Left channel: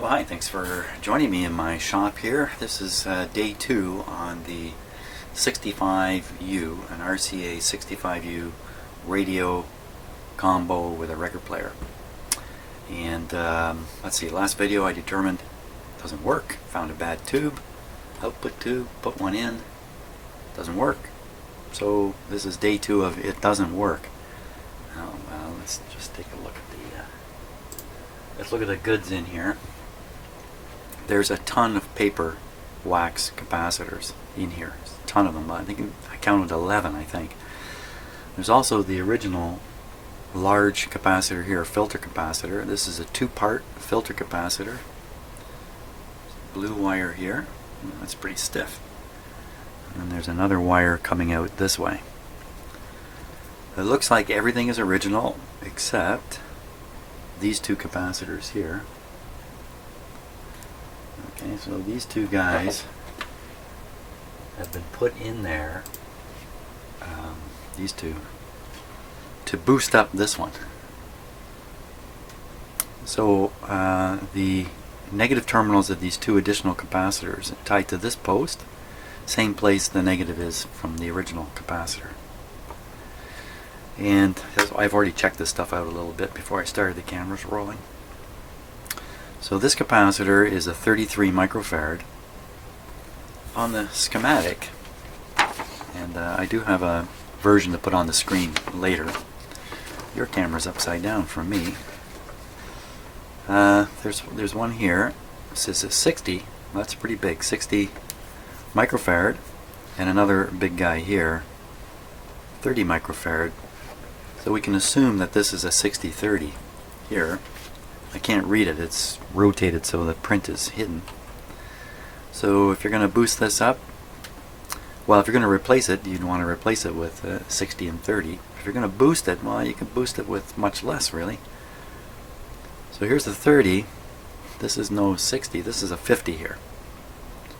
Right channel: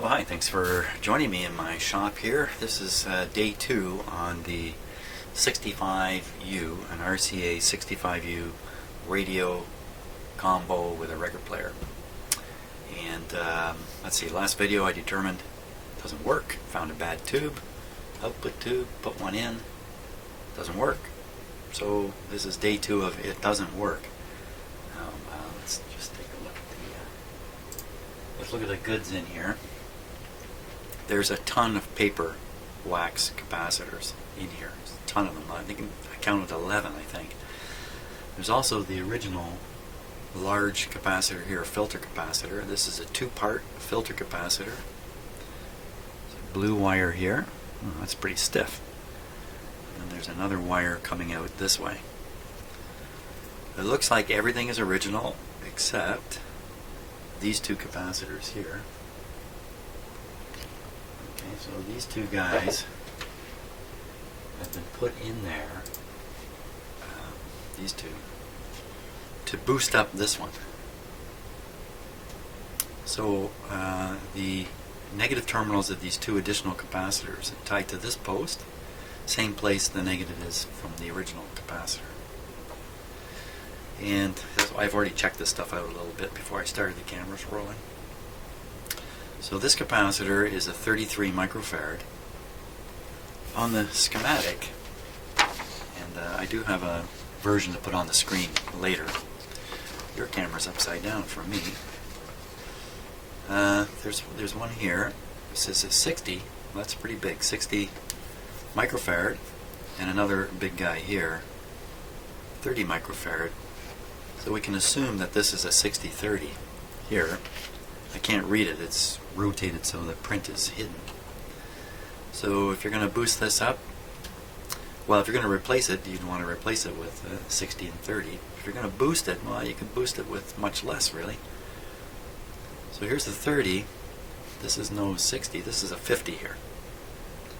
Well, hi, thanks for joining me in my shop here. This is day 2 on the 65U, an RCA 65U radio combo with a record player. And let's see, last video I determined it doesn't work. Found a bad tube, output tube, put one in, doesn't work. So this is day 2 of it doesn't work. Let's just take a look at let's look at the goods in here. There's a ton of paper wax capacitors in here. There's a ton of them. I counted 11, I think. There's also the original large capacitor here, filter capacitor. This is a 2-part filter capacitor. There's a blue wire here. Oh, that's pretty stiff. And then there's another wire coming out this way. It looks like everything is original except these two capacitors here. Okay, so these two guys have been put in there, these two, to boost up this one. So the negative terminals of these two additional capacitors are tied to this post, same place the negative is from the original capacitor. And I've already checked this stuff out a little bit before I started the cameras rolling. So this capacitor is a 33 microfarad. On the schematic, and I do have a version to put on the screen later. Your camera's upside down for me. There's one here. This is a 60. That's pretty big. 60 microfarad, and another big guy here, 30 microfarad. So we can assume that this is a 60-30 here. I can't read it, it's rotated so the print is hidden. So if you're going to boost this up, well, if you're going to replace it, you'd want to replace it with 60 and 30. If you're going to boost it, well, you can boost it with much less, really. So here's the 30. This is no 60, this is a 50 here.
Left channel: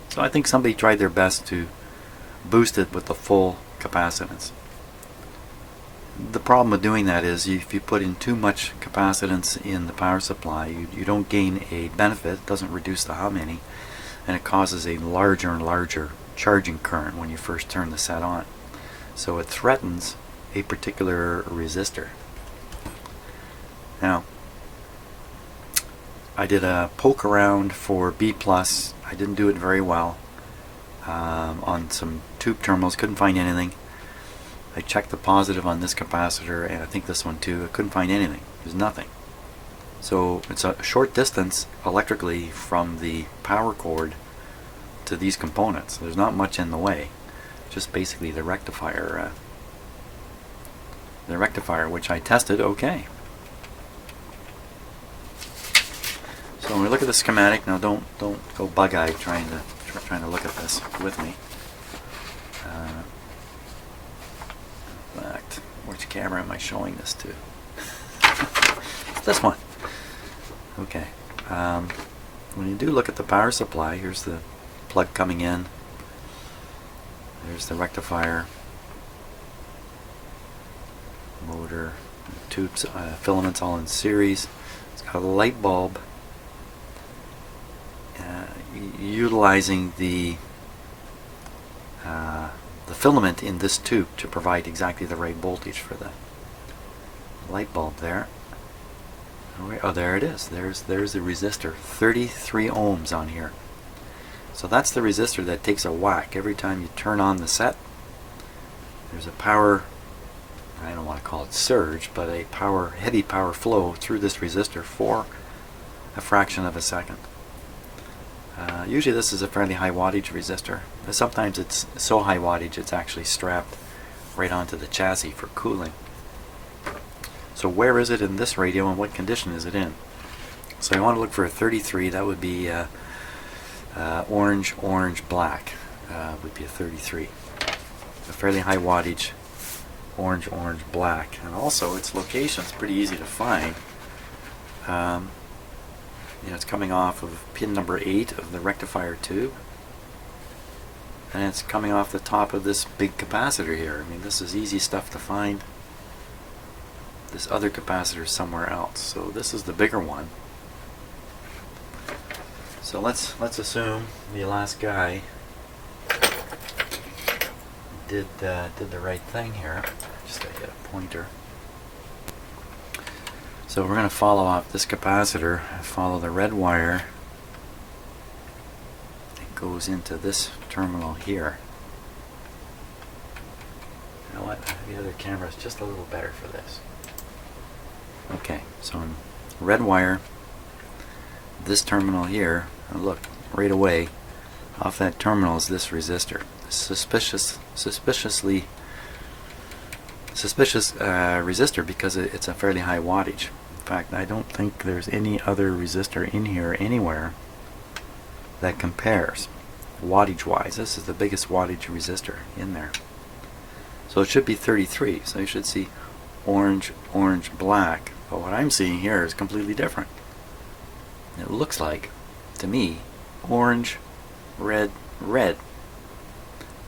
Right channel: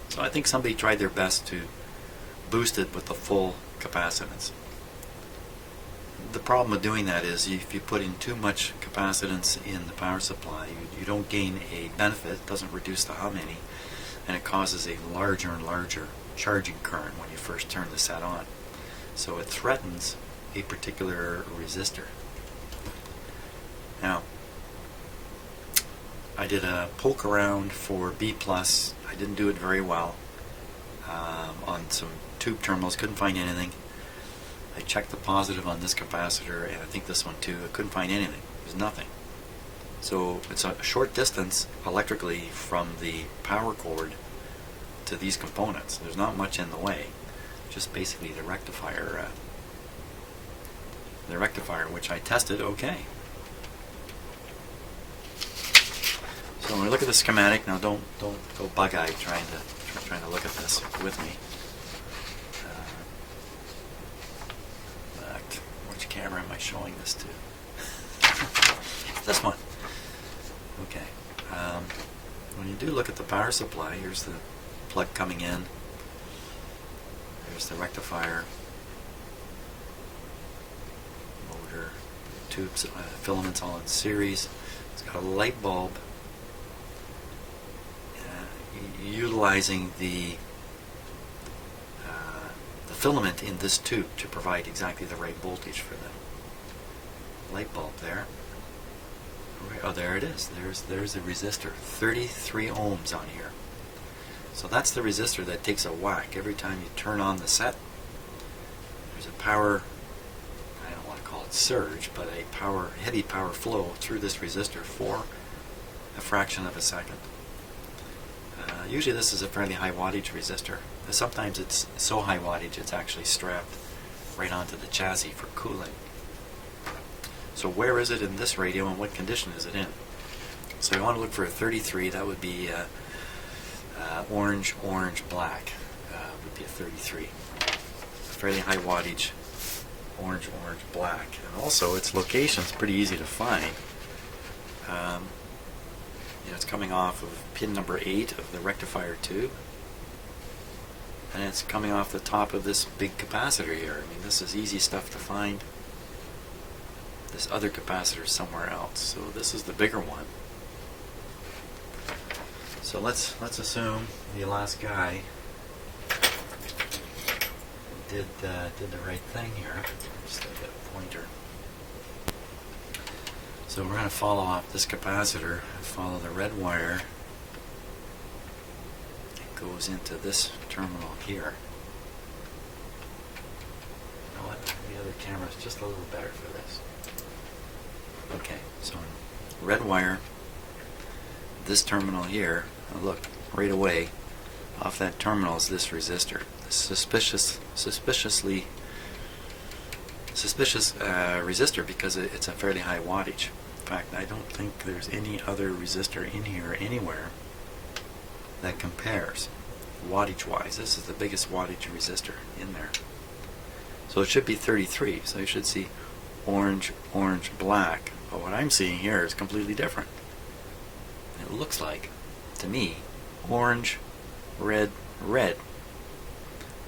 So I think somebody tried their best to boost it with the full capacitance. The problem with doing that is if you put in too much capacitance in the power supply, you don't gain a benefit. It doesn't reduce the hum any, and it causes a larger and larger charging current when you first turn the set on. So it threatens a particular resistor. Now, I did a poke around for B+. I didn't do it very well on some tube terminals. Couldn't find anything. I checked the positive on this capacitor, and I think this one too. I couldn't find anything. There's nothing. So it's a short distance electrically from the power cord to these components. There's not much in the way. Just basically the rectifier. Which I tested okay. So when we look at the schematic now, don't go bug-eyed trying to look at this with me. Which camera am I showing this to? This one. Okay. When you do look at the power supply, here's the plug coming in. There's the rectifier, motor, tubes, filaments all in series. It's got a light bulb utilizing the filament in this tube to provide exactly the right voltage for the light bulb there. Oh, there it is. There's the resistor. 33 ohms on here. So that's the resistor that takes a whack every time you turn on the set. There's a power, I don't want to call it surge, but a heavy power flow through this resistor for a fraction of a second. Usually this is a fairly high wattage resistor. Sometimes it's so high wattage it's actually strapped right onto the chassis for cooling. So where is it in this radio and what condition is it in? So you want to look for a 33. That would be orange, black would be a 33. A fairly high wattage orange, black. And also its location is pretty easy to find. It's coming off of pin number 8 of the rectifier tube, and it's coming off the top of this big capacitor here. I mean, this is easy stuff to find. This other capacitor is somewhere else, so this is the bigger one. So let's assume the last guy did the right thing here. Just to get a pointer. So we're going to follow off this capacitor, follow the red wire. It goes into this terminal here. You know what? The other camera is just a little better for this. Okay, so red wire, this terminal here, and look, right away, off that terminal is this resistor. Suspicious resistor because it's a fairly high wattage. In fact, I don't think there's any other resistor in here anywhere that compares wattage wise. This is the biggest wattage resistor in there. So it should be 33. So you should see orange, orange, black. But what I'm seeing here is completely different. It looks like, to me, orange, red, red.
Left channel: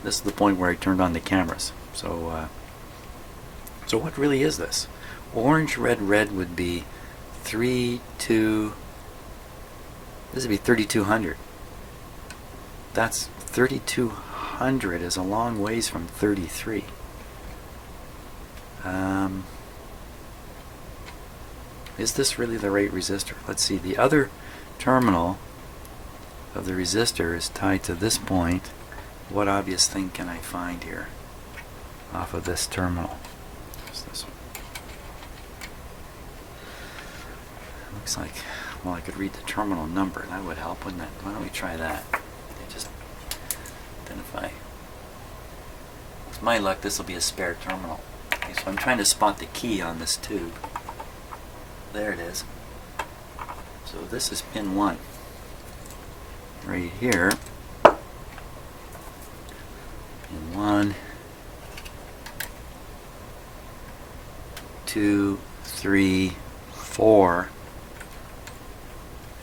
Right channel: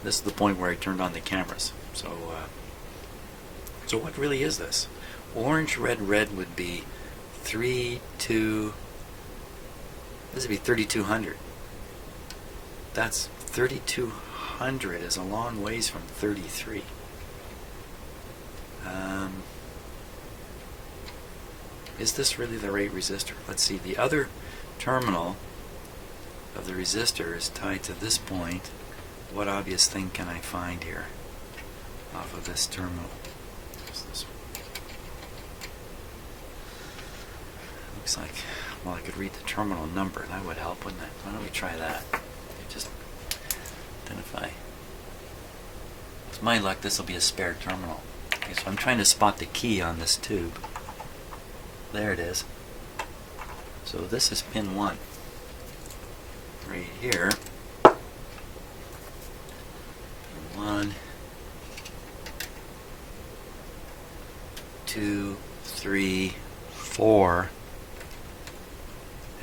This is the point where I turned on the cameras. So what really is this? Orange, red, red would be 3, 2. This would be 3200. That's 3200 is a long ways from 33. Is this really the right resistor? Let's see. The other terminal of the resistor is tied to this point. What obvious thing can I find here off of this terminal? What's this one? Looks like, well, I could read the terminal number. That would help, wouldn't it? Why don't we try that? Just identify. With my luck, this will be a spare terminal. Okay, so I'm trying to spot the key on this tube. There it is. So this is pin 1. Right here. Pin 1, 2, 3, 4.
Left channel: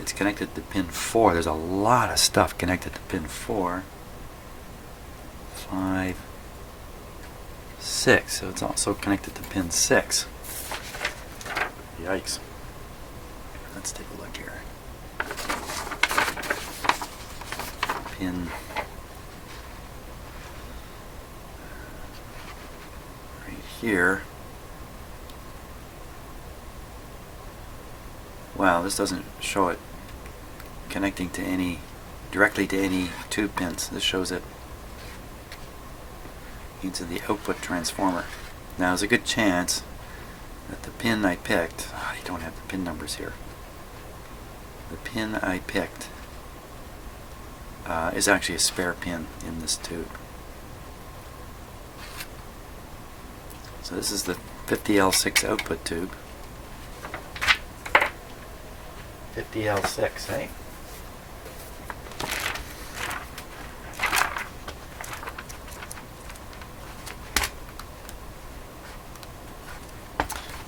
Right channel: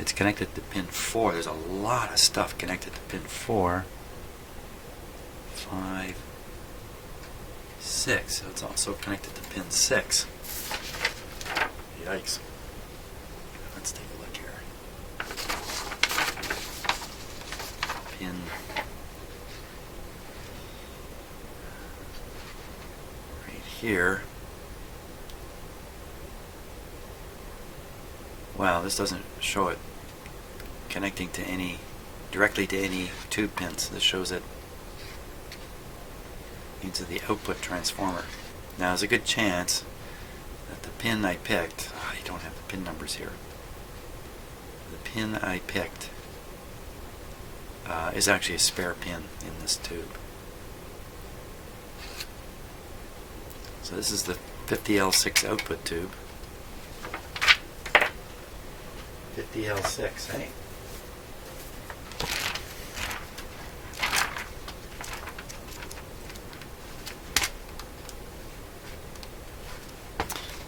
It's connected to pin 4. There's a lot of stuff connected to pin 4. 5, 6. So it's also connected to pin 6. Yikes. Let's take a look here. Pin right here. Wow, this doesn't show it connecting to directly to any tube pins. This shows it into the output transformer. Now there's a good chance that the pin I picked, I don't have the pin numbers here. The pin I picked is actually a spare pin in this tube. So this is the 50L6 output tube. 50L6, eh?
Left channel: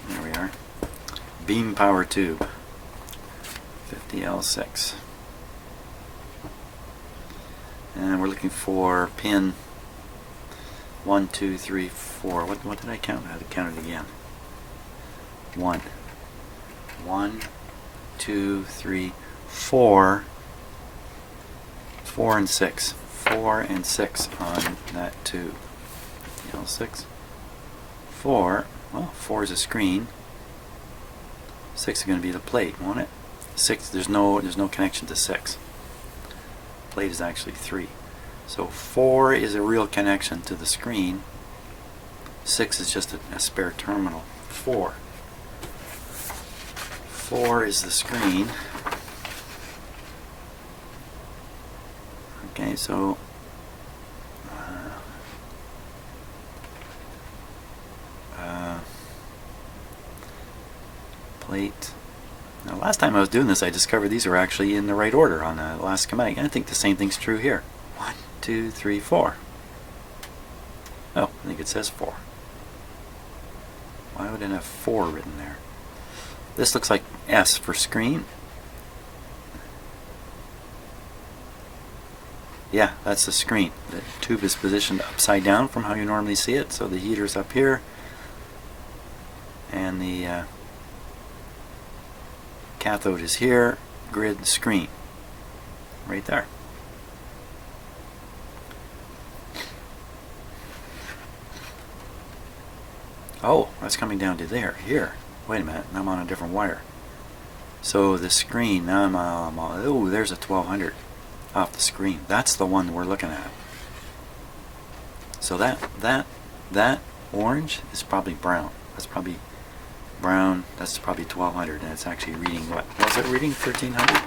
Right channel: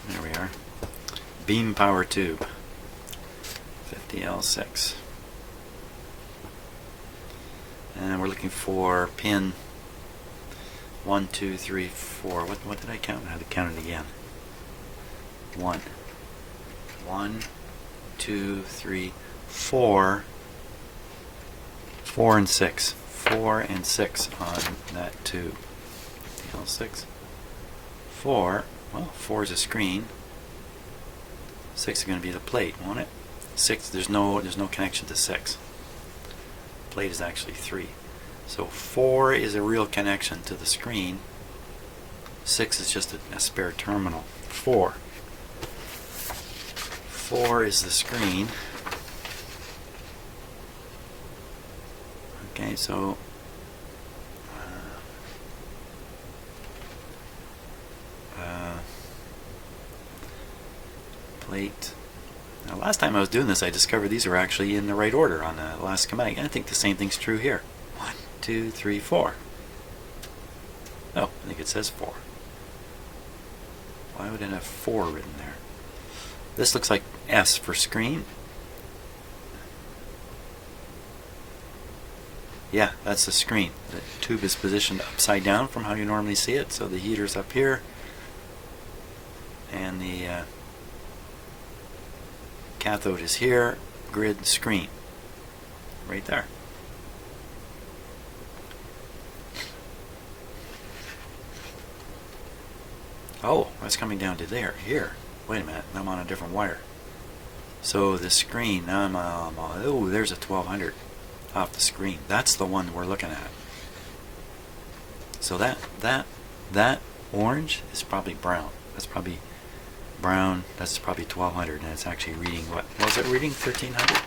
There we are. Beam power tube. 50L6. And we're looking for pin 1, 2, 3, 4. What did I count? I had to count it again. 1, 2, 3, 4. 4 and 6. 4 and 6 on that tube. 50L6. 4. Well, 4 is a screen. 6 is going to be the plate, won't it? 6. There's no connection to 6. Plate is actually 3. So 4 is a real connection to the screen. 6 is just a spare terminal. 4 is the screen. Okay, so plate. Now, last time I was doing this, I discovered these were actually in the right order on the last schematic. I think the same thing's true here. 1, 2, 3, 4. Oh, I think it says 4. Why would it have 4 written there? This looks like S for screen. Yeah, that's the screen. The tube is positioned upside down from how you normally see it. So the heater's up here, and the cathode is here. Grid screen. right there. Oh, that's coming down to there. Here. Wait a minute. I'm on a different wire. So the screen, now I'm on, oh, there's a 1200 off the screen. That's the one we're looking at. So that orange is probably brown. That's probably brown. That's probably 1200, and it's actually reading what? Was it reading 1300?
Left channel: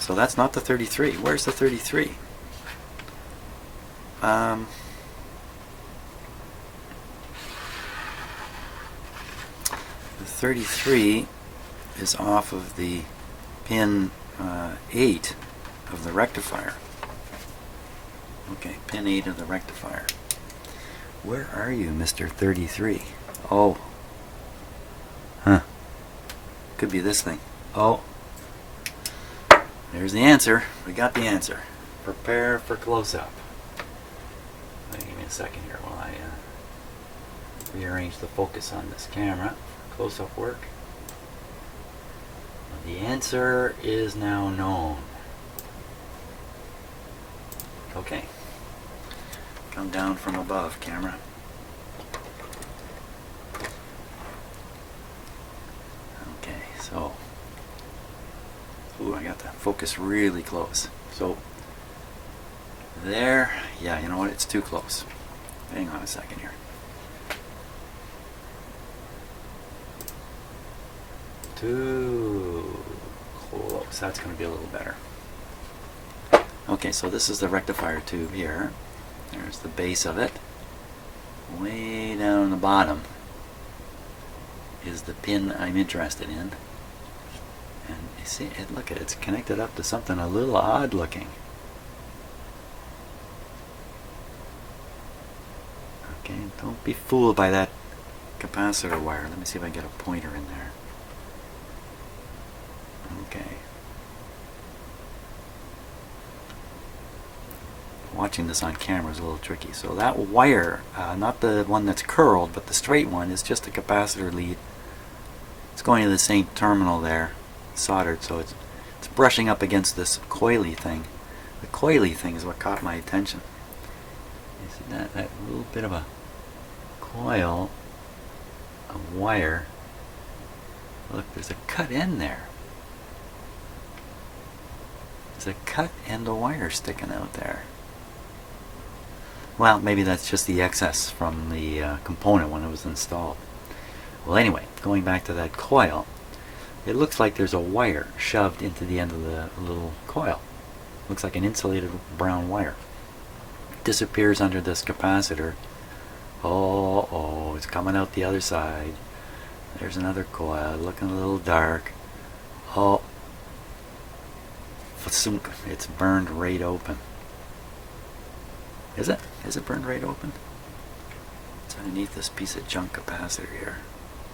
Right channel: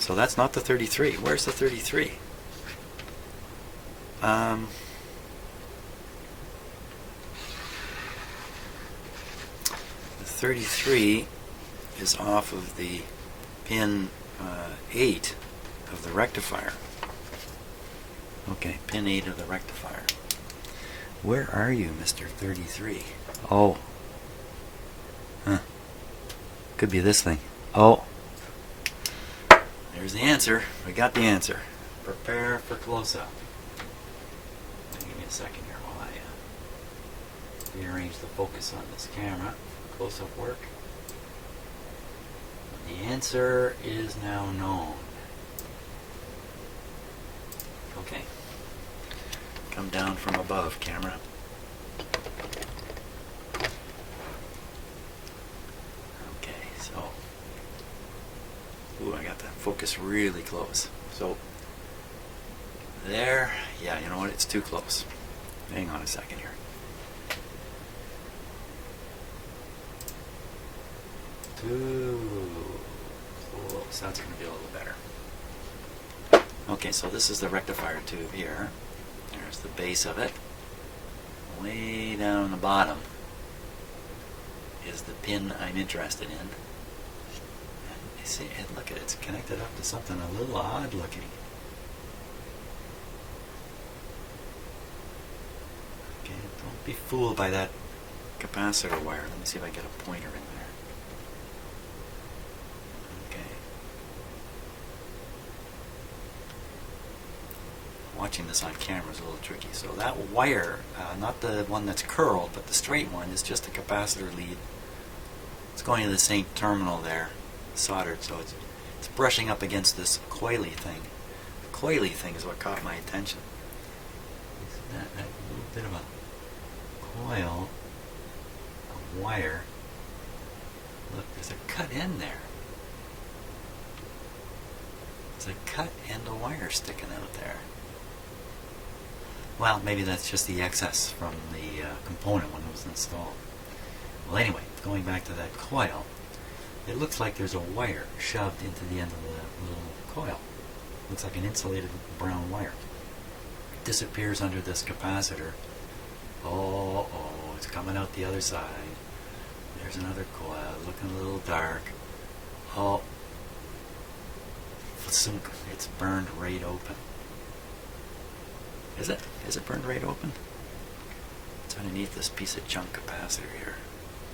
So that's not the 33. Where's the 33? The 33 is off of the pin 8 of the rectifier. Okay, pin 8 of the rectifier. Where are you, Mr. 33? Oh. Huh. Could be this thing. Oh. There's the answer. We got the answer. Prepare for close-up. Give me a second here while I rearrange the focus on this camera for close-up work. The answer is now known. Okay. Come down from above, camera. Okay, so. Ooh, I got the focus really close. So, there. Yeah, you know what? It's too close. Hang on a second here. Too close. That's going to be a little better. Okay, so this is the rectifier tube here. There's the base of it. Way down the bottom is the pin I'm interested in. And you see, look at it, it's connected up to something a little odd looking. Okay, don't be fooled by that capacitor wire. Let me see if I can get a pointer in there. Okay. Watching this on camera is a little tricky. So that wire, not the one that's curled, but the straight one, is just a capacitor lead. It's going to the same terminal there, soldered, so it's brushing up against this coily thing. The coily thing is what caught my attention. You see that little bit of a coil of wire. Look, there's a cut end there. There's a cut end of wire sticking out there. Well, maybe that's just the excess from the component when it was installed. Well, anyway, going back to that coil, it looks like there's a wire shoved into the end of the little coil. Looks like an insulated brown wire. It disappears under this capacitor. Oh, it's coming out the other side. There's another coil, looking a little dark. Oh, it's burned right open. Is it? Is it burned right open? It's underneath this piece of junk capacitor here.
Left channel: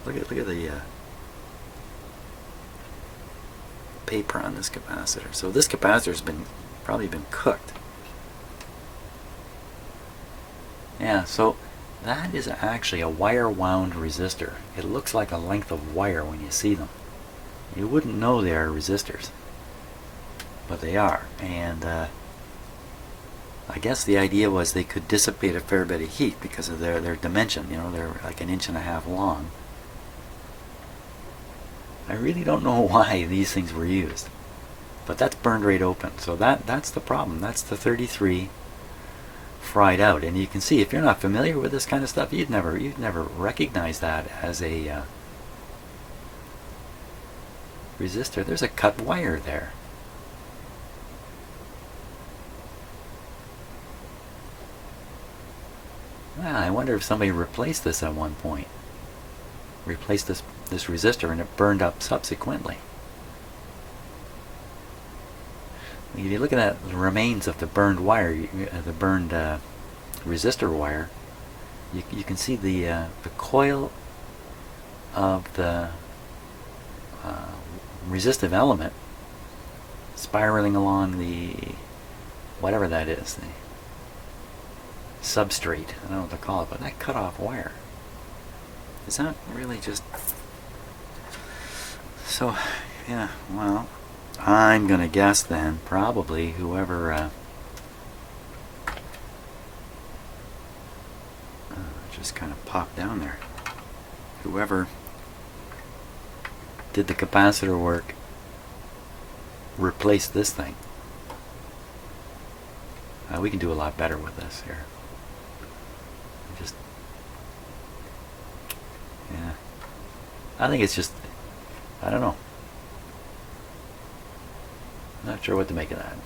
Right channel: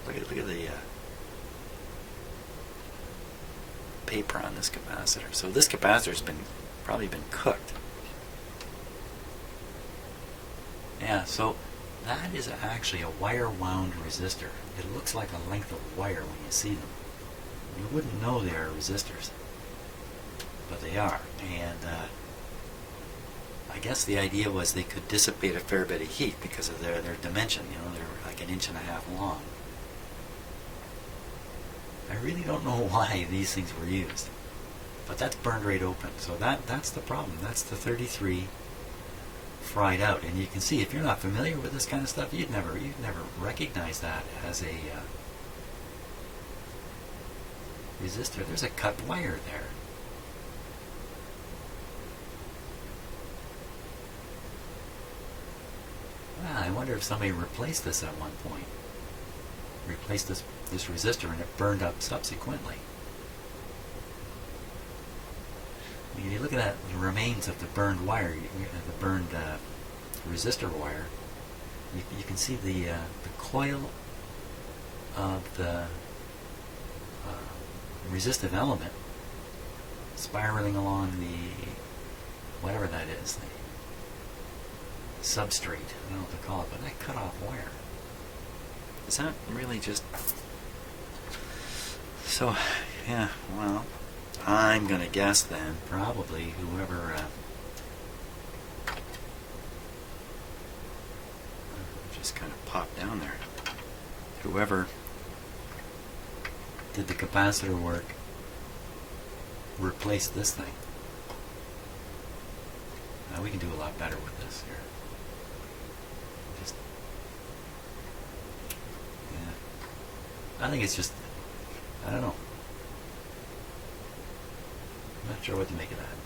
Look at the paper on this capacitor. So this capacitor's probably been cooked. Yeah, so that is actually a wire wound resistor. It looks like a length of wire when you see them. You wouldn't know they are resistors, but they are. And I guess the idea was they could dissipate a fair bit of heat because of their dimension. You know, they're like 1.5 inches long. I really don't know why these things were used, but that's burned right open. So that's the problem. That's the 33 fried out. And you can see, if you're not familiar with this kind of stuff, you'd never recognize that as a resistor. There's a cut wire there. Well, I wonder if somebody replaced this at one point. Replaced this resistor and it burned up subsequently. If you look at the remains of the burned wire, the burned resistor wire, you can see the coil of the resistive element spiraling along the whatever that is, the substrate. I don't know what to call it, but that cut off wire. Is that really just... So, yeah, well, I'm going to guess then, probably whoever just kind of popped down there. Whoever did the capacitor work replaced this thing. We can do a lot better with this here. Just, yeah. I think it's just, I don't know. Not sure what to make of that.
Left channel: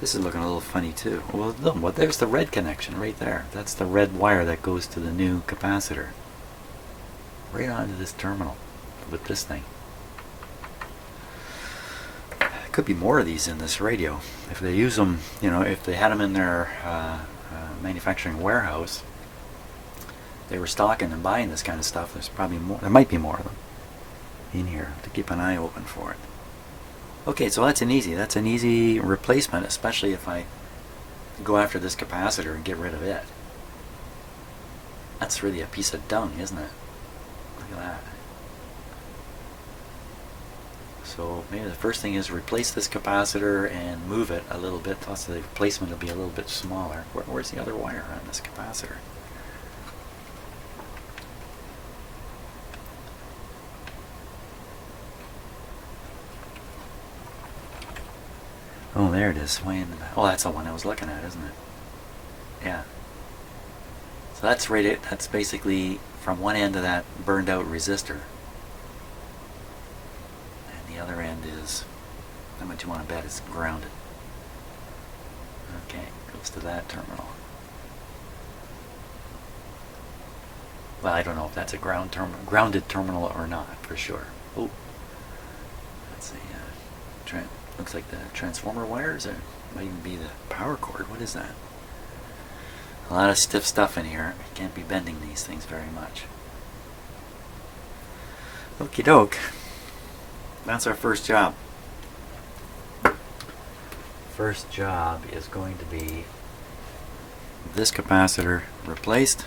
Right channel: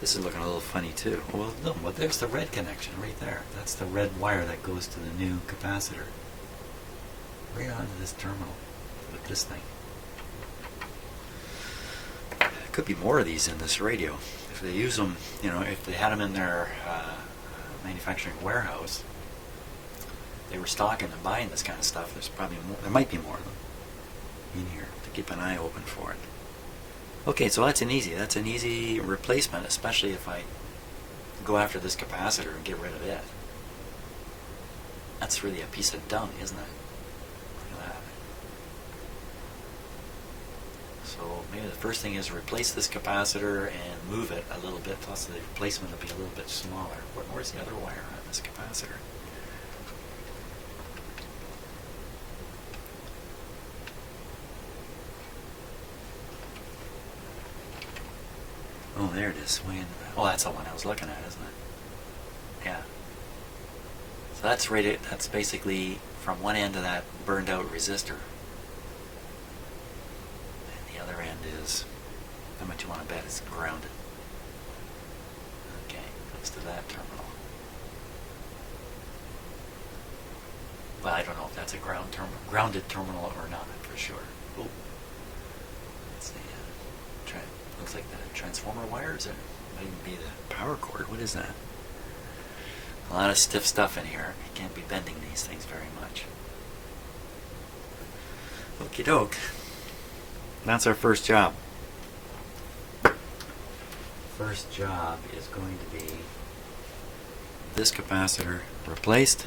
This is looking a little funny too. Well, no, well, there's the red connection right there. That's the red wire that goes to the new capacitor. Right onto this terminal with this thing. Could be more of these in this radio. If they use them, you know, if they had them in their manufacturing warehouse, they were stocking and buying this kind of stuff, there's probably more. There might be more of them in here to keep an eye open for it. Okay, so that's an easy replacement, especially if I go after this capacitor and get rid of it. That's really a piece of dung, isn't it? Look at that. So maybe the first thing is replace this capacitor and move it a little bit, plus the replacement will be a little bit smaller. Where's the other wire on this capacitor? Oh, there it is. Way in the back. Oh, that's the one I was looking at, isn't it? Yeah. So that's rated. That's basically from one end of that burned out resistor. And the other end is, how much you want to bet it's grounded. Okay, goes to that terminal. Well, I don't know if that's a grounded terminal or not, for sure. Oh, that's a looks like the transformer wires, or might even be the power cord. What is that? A lot of stiff stuff in here. You can't be bending these things very much. Okie doke. That's our first job. First job is going to be this capacitor replaced.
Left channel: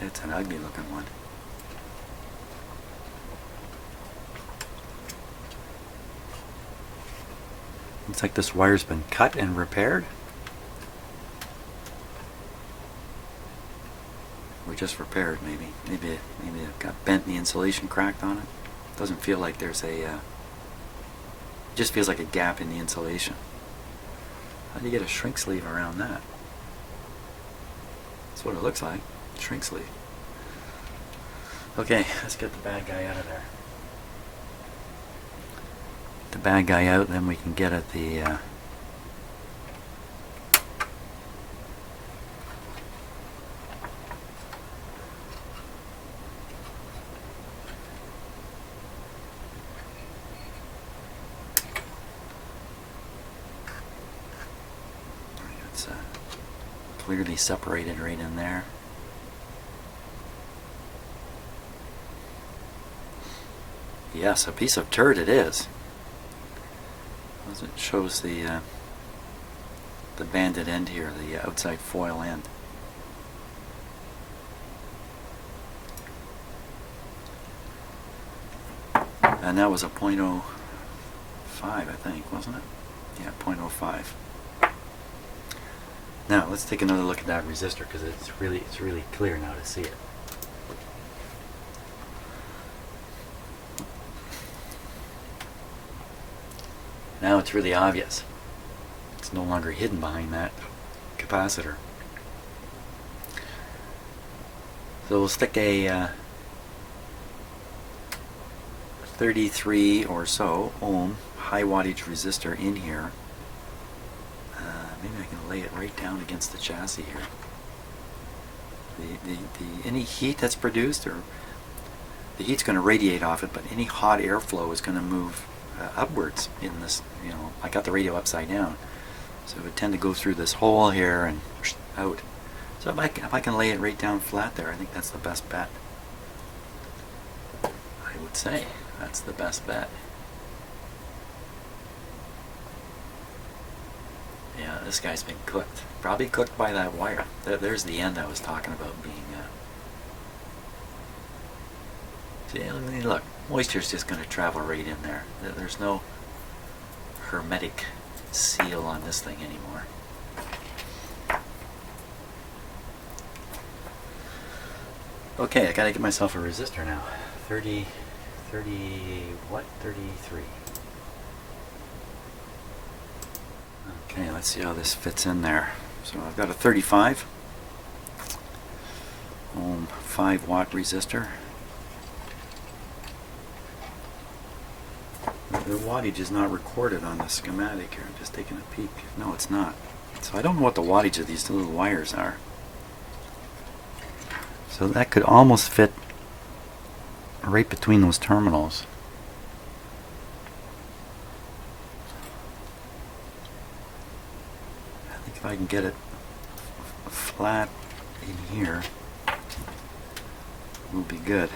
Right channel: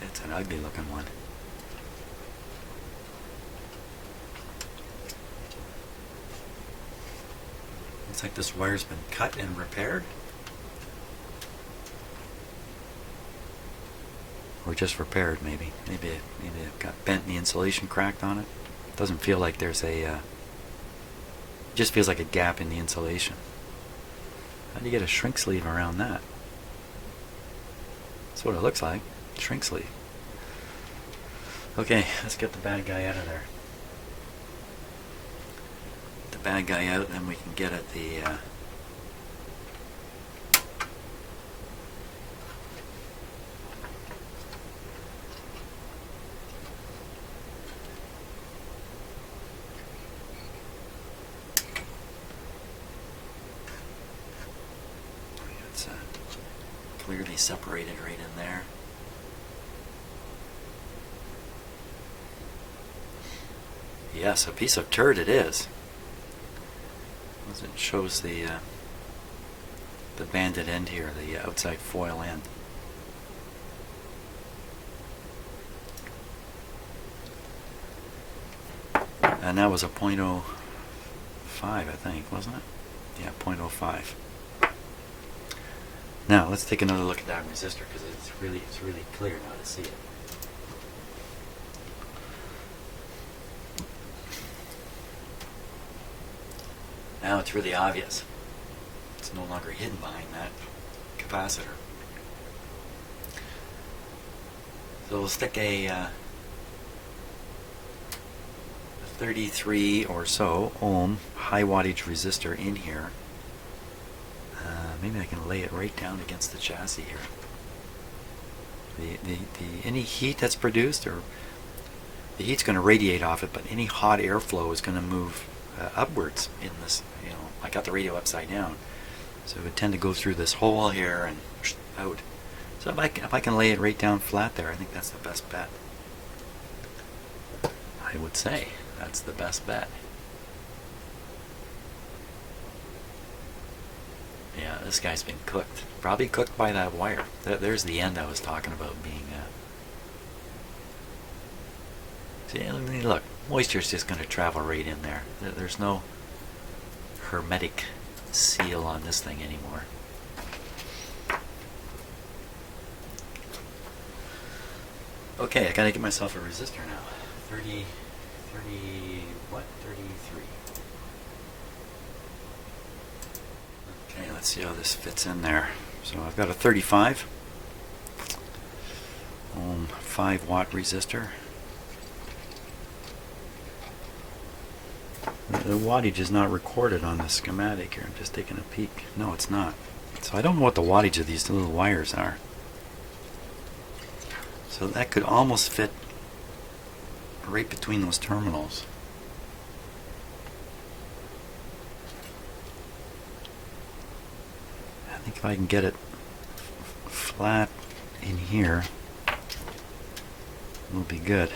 It's an ugly looking one. Looks like this wire's been cut and repaired. Or just repaired, maybe. Maybe it got bent and the insulation cracked on it. Doesn't feel like there's a... it just feels like a gap in the insulation. How do you get a shrink sleeve around that? That's what it looks like. Shrink sleeve. Okay, let's get the bad guy out of there. The bad guy out, and then we can get at the it's clearly separated right in there. Yes, a piece of turd it is. It shows the banded end here, the outside foil end. And that was a 0.05, I think, wasn't it? Yeah, 0.05. Now let's take another look at that resistor, because it's really clear now to see it. Now it's really obvious. It's no longer hidden behind that capacitor. So we'll stick a 33 or so ohm high wattage resistor in here. Maybe I can lay it right down against the chassis here. Any heat that's produced, or the heat's going to radiate off it, but any hot airflow is going to move upwards in this. You know, I got the radio upside down, so it would tend to go through this hole here and out. So if I can lay it right down flat there, I think that's the best bet. I would say that's the best bet. Yeah, this guy's been cooked. Probably cooked by that wire. There's the end I was talking about being... See, look. moisture is just going to travel right in there. There's no hermetic seal on this thing anymore. Okay, I gotta get myself a resistor now. 33. Okay, let's see how this fits in there. So I've got a 35 ohm 5 watt resistor. The wattage is not recorded on the schematic here. I'm just taking a peek. No, it's not. So I don't know what the wattage of these little wires are. So that could almost fit right between those terminals. I think if I can get it flat in here, we'll be good.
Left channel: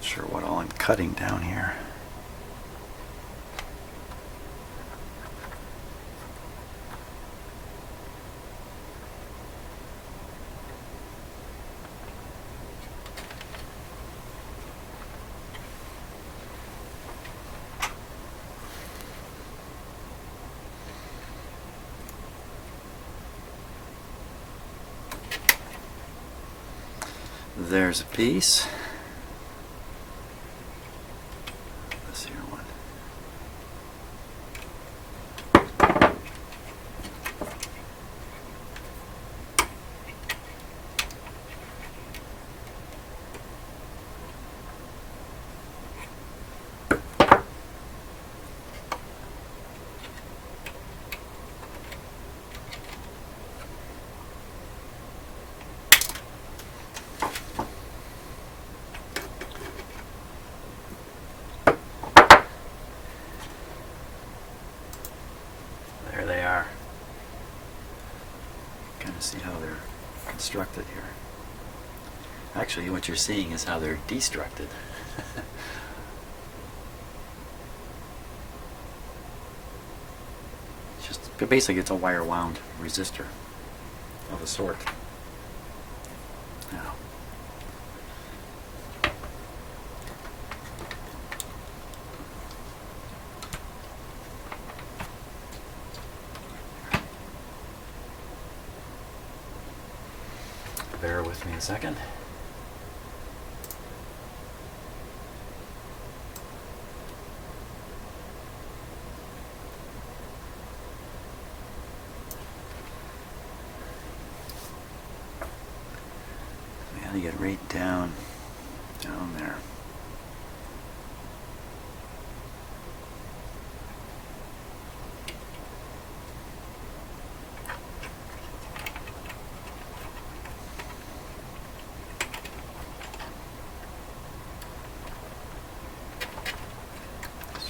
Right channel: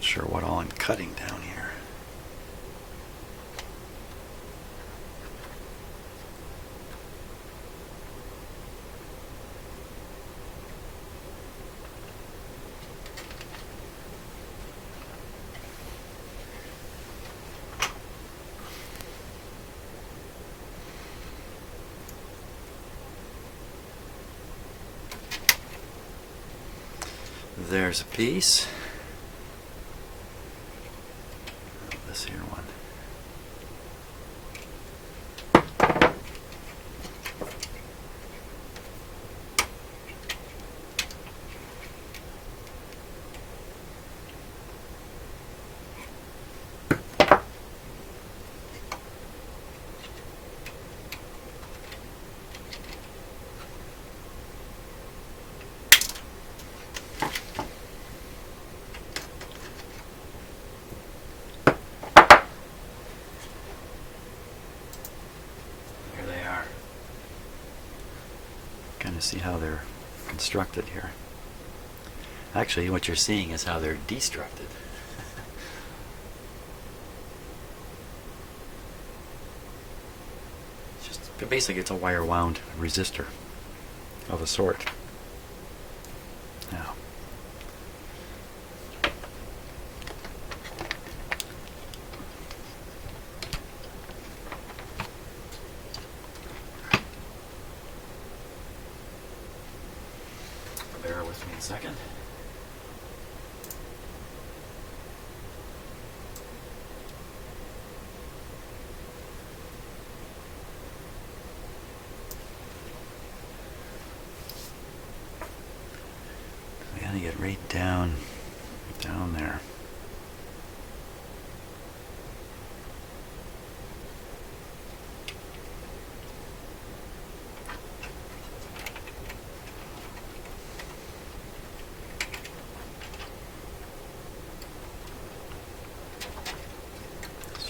Sure what all I'm cutting down here. There's a piece. This here one. Kind of see how they're constructed here. Actually, what you're seeing is how they're destructed. It's just basically it's a wire wound resistor of a sort. Now, bear with me a second. We gotta get right down there.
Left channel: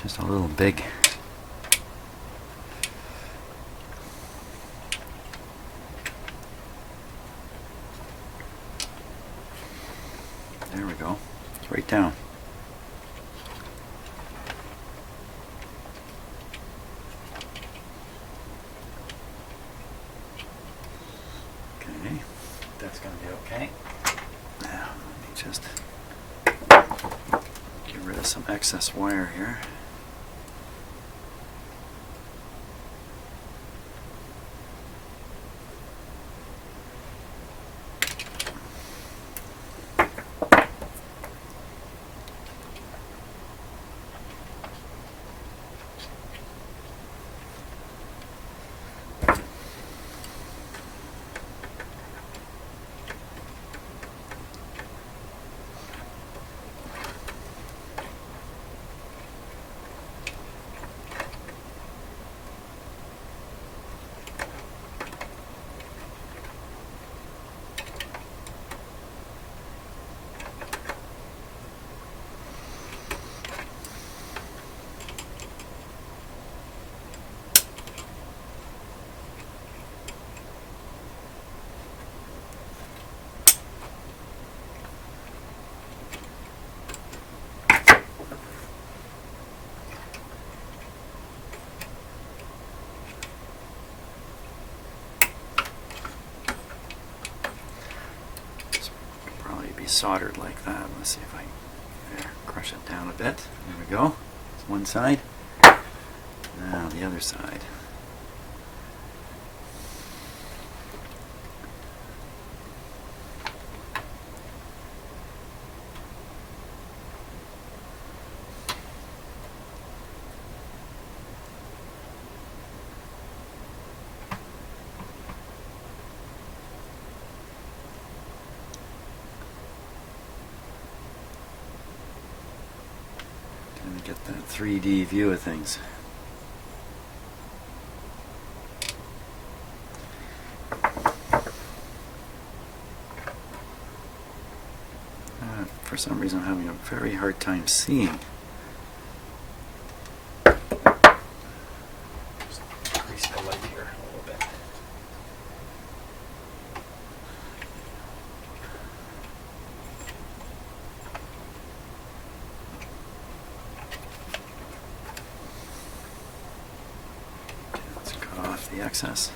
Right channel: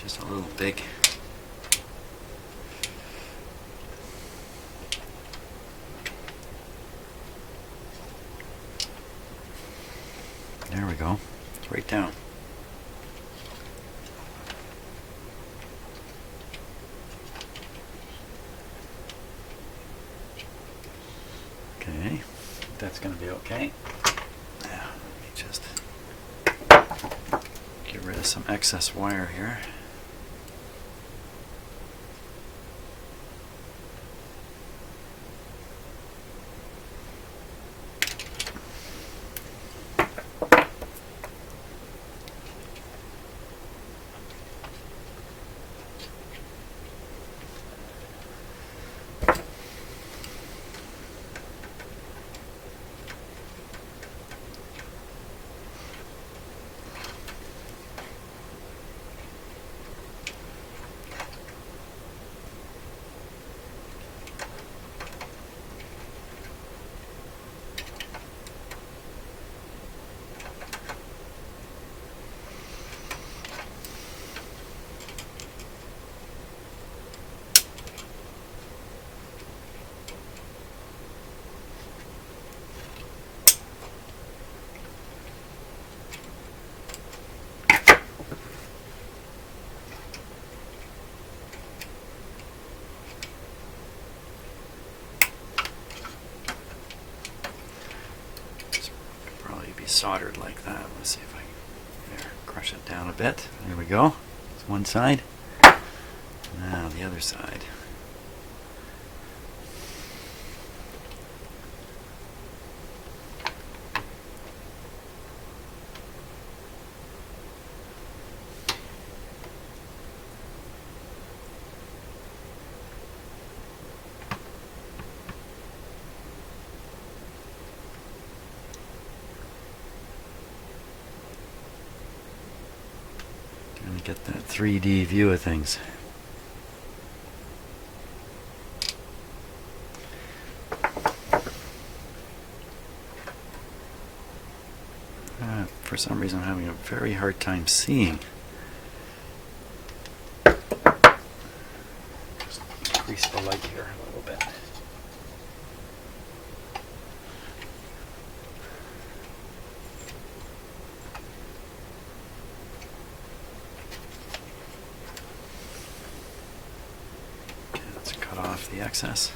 Just a little big. There we go. It's right down. Okay, that's going to be okay. Now, let me just get rid of some excess wire here. soldered like that. Let's see if I can crush it down a bit. There we go. It's one side. Now the other side. Trying to get that 3D view of things. For some reason I'm having a very hard time seeing. Just increase the light here a little bit. Okay, let's cut off the excess.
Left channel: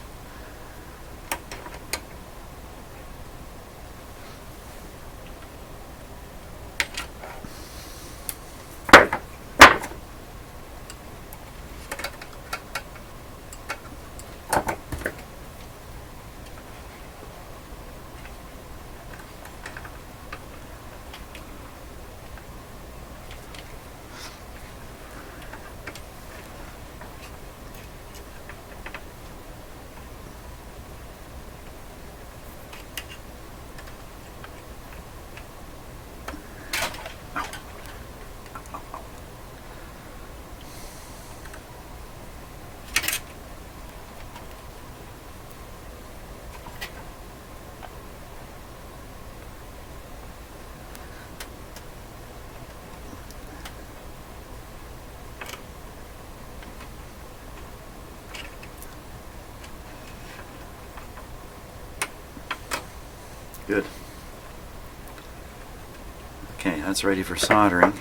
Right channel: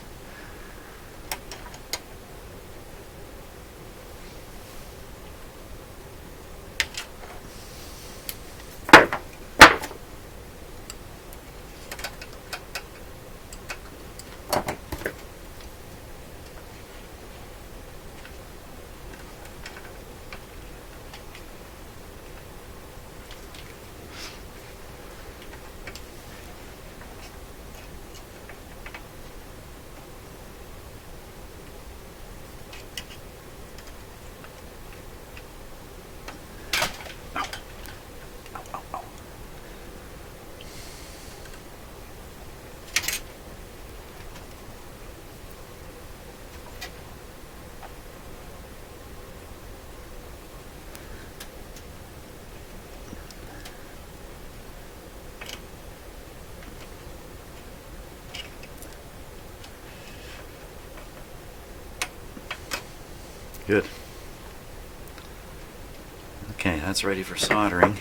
Good. Okay, that's ready for soldering.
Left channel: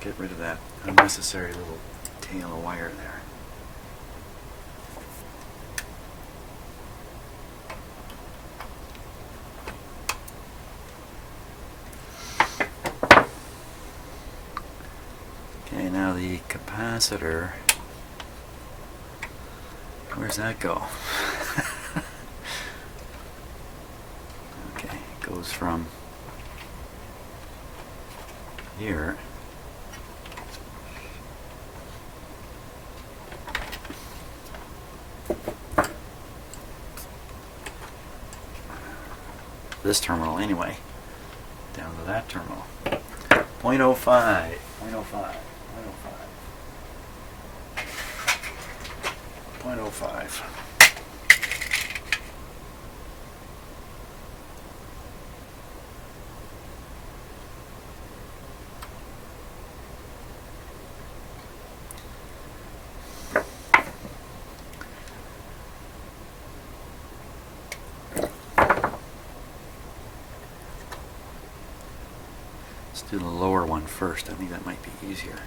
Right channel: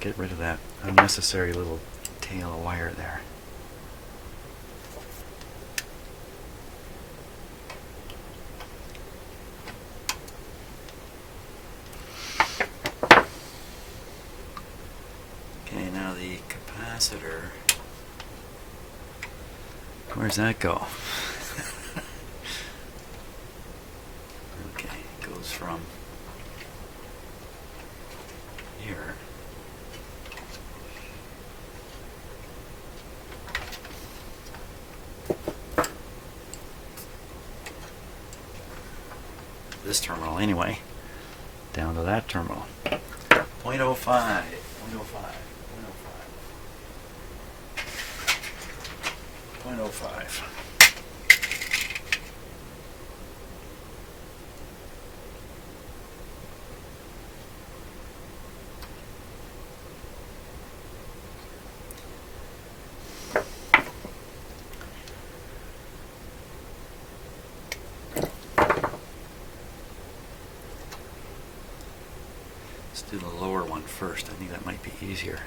Get rid of that unnecessary little tail of wire there. Okay, now the capacitor. Where's that go? Okay, it goes from here this terminal anyway, down to that terminal. 0.05, 0.05, 0.05. Let's do the lower one first. I think that might be easier.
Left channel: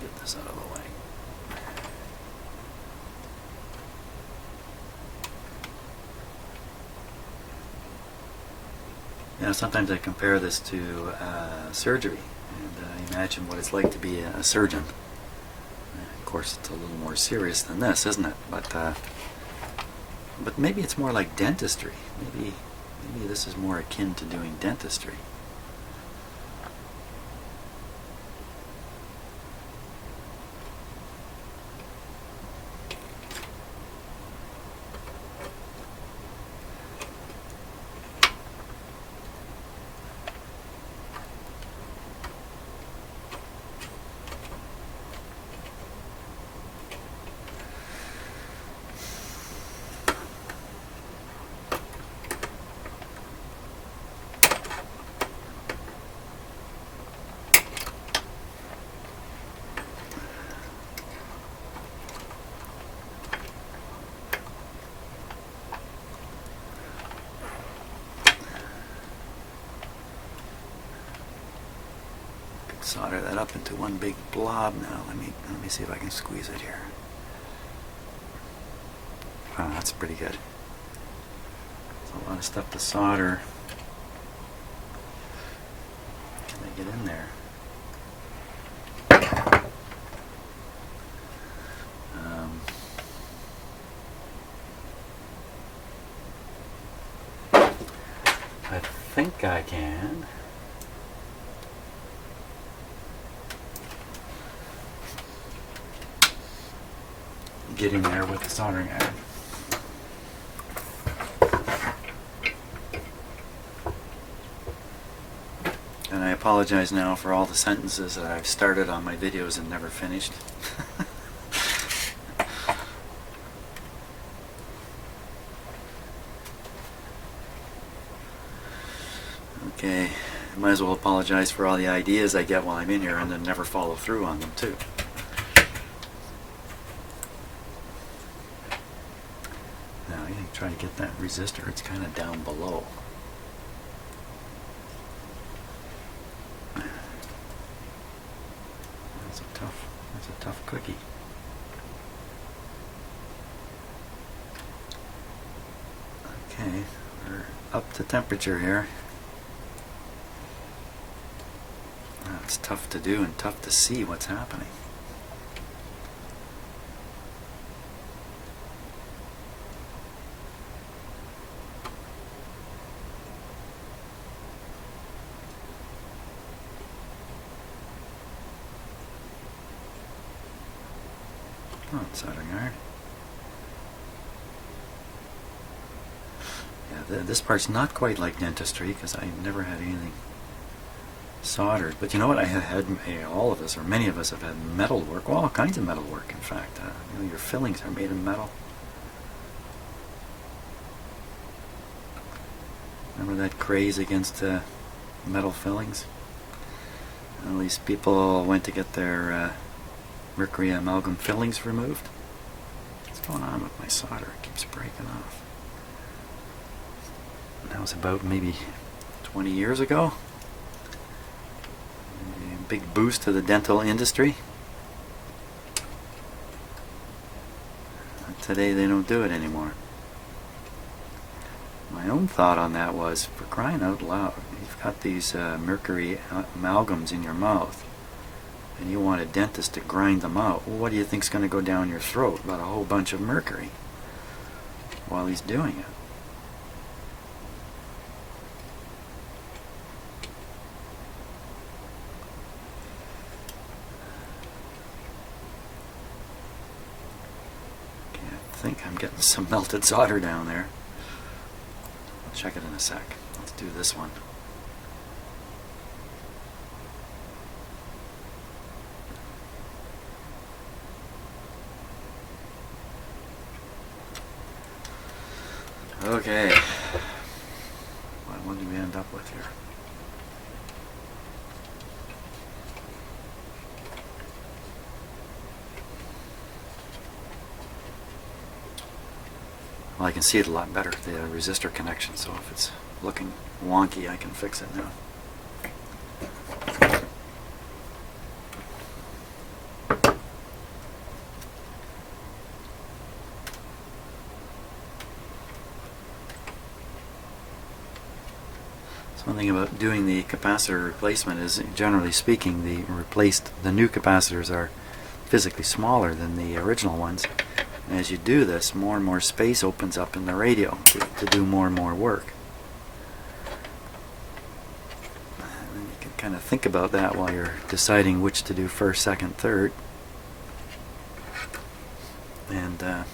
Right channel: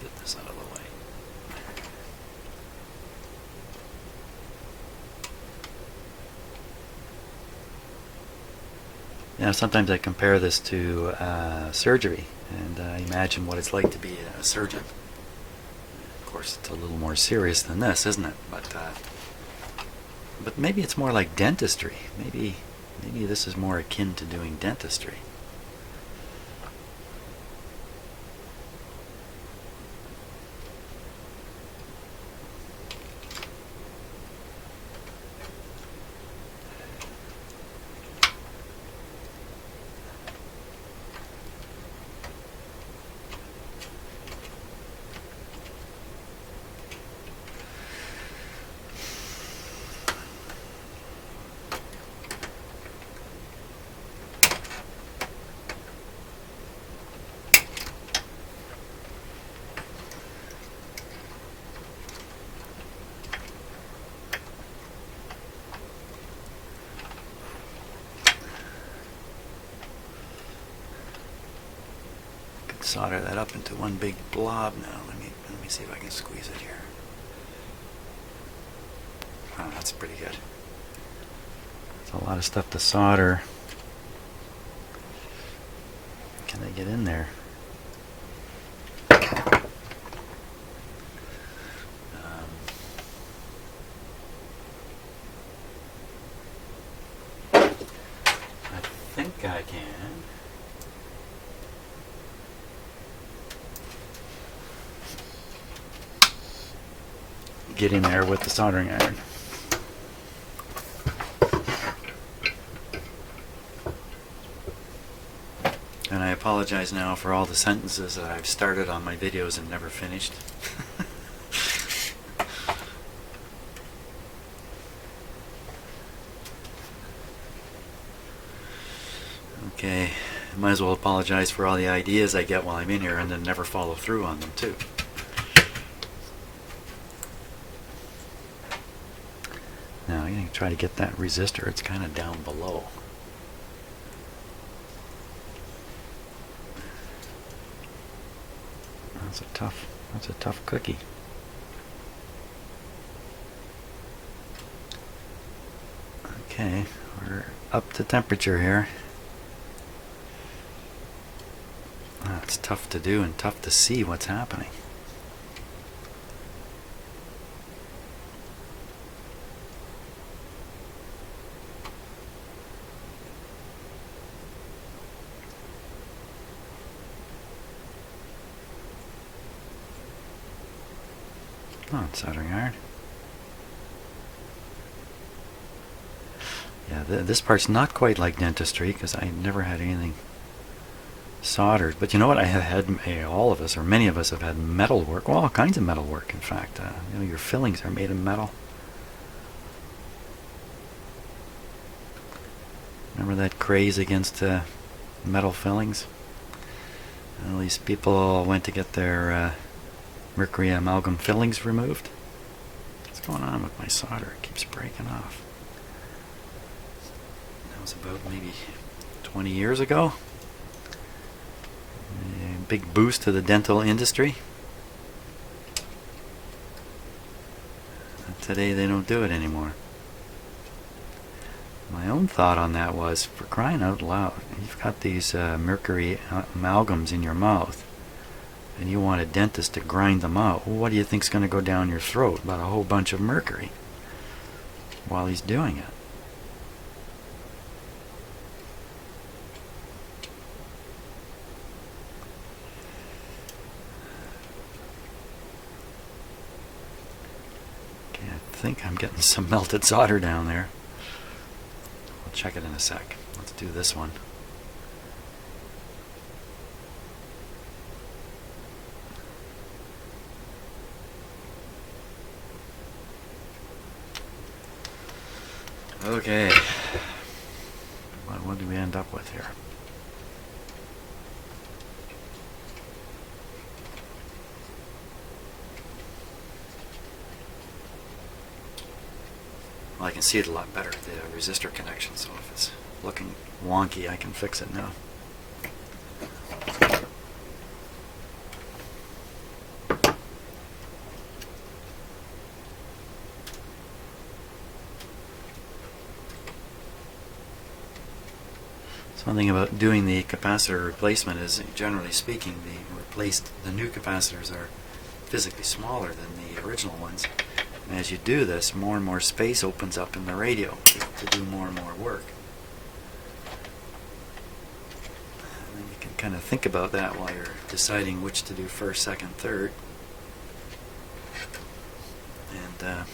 Get this out of the way. Yeah, sometimes I compare this to surgery and imagine what it's like to be a surgeon. Of course, it's a little more serious than this, isn't it? But maybe it's more like dentistry. Maybe this is more akin to doing dentistry. solder that up into one big blob now. Let me see if I can squeeze it here. Wow, that's pretty good. There's a lot of stuff to solder. Can I get in there? I think I can. Get in there with the soldering iron. And I apologize now for all the sentences that I've started on my videos and never finished. Okay, I might as well apologize for all the ideas I get while I'm in here and then never follow through on them too. Now I'm going to try to get that resistor. It's kind of down below. That's a tough cookie. Okay, we're up to temperature here. It's tough to do and tough to see what's happening. Oh, it's soldering iron. Yeah, this part's not quite like dentistry because I've never had anything soldered. But you know what? I have had, all of us, or many of us, have had metal work. Well, all kinds of metal work, in fact. You know, your fillings are made of metal. Remember that craze against metal fillings? Well, these people went to get their mercury amalgam fillings removed. What's going on with my solder? It keeps breaking off. That was about maybe 20 years ago. A big boost to the dental industry. Today they don't do it anymore. My own thought on that was, for crying out loud, you've got these mercury amalgams in your mouth and you want a dentist to grind them out. Well, what do you think's going to go down your throat? About a whole bunch of mercury while he's doing it. Okay, I think I'm getting some melted solder down there. I'll check it in a sec. Let's do this one. Okay, what do we end up with here? Well, I can see it a lot better, the resistor connection, so if it's looking wonky, I can fix it now. One thing about doing the capacitor replacement is, generally speaking, the new capacitors are physically smaller than the original ones. And as you do this, more and more space opens up in the radio to do more and more work. And then you can kind of think about that while you're deciding which to do first, second, third. And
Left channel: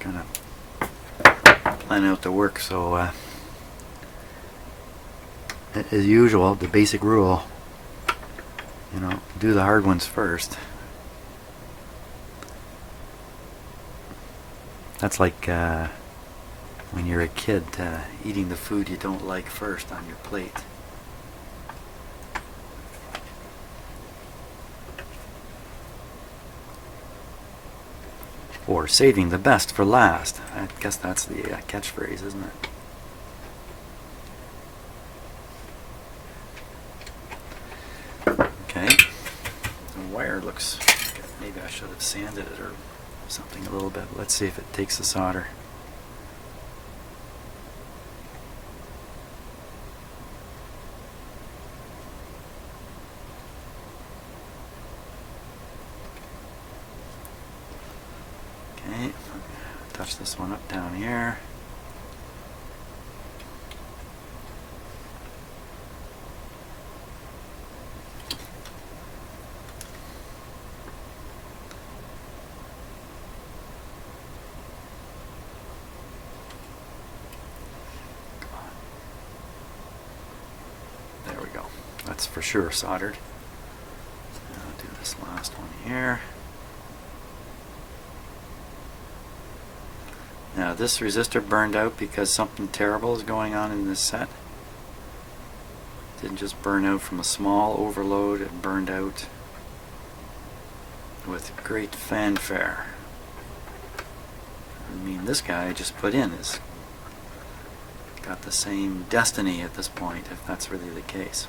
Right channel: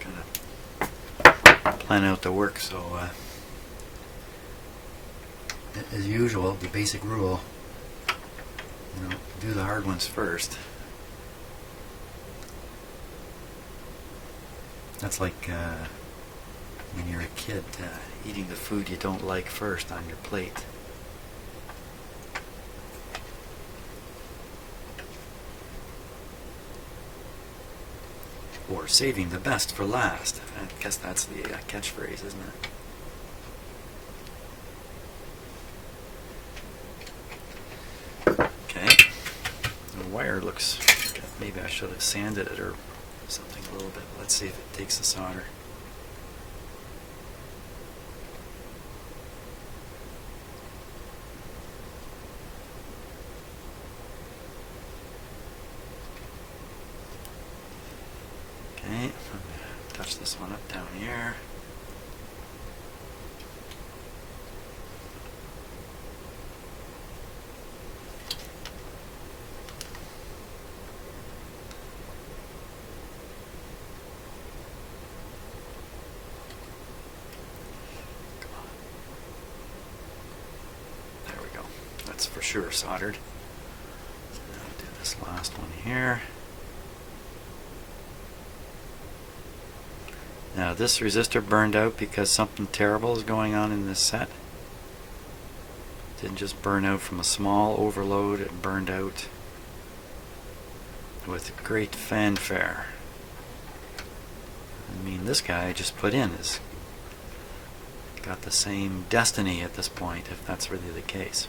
kind of plan out the work. So as usual, the basic rule, you know, do the hard ones first. That's like when you're a kid, eating the food you don't like first on your plate. or saving the best for last. I guess that's the catchphrase, isn't it? Okay, the wire looks, okay, maybe I should have sanded it or something a little bit. Let's see if it takes the solder. Okay, I'm going to touch this one up down here. Come on. There we go. That's for sure soldered. Now I'll do this last one here. Now this resistor burned out because something terrible is going on in this set. It didn't just burn out from a small overload, it burned out with great fanfare. I mean, this guy I just put in is got the same destiny at this point, if that's really the case.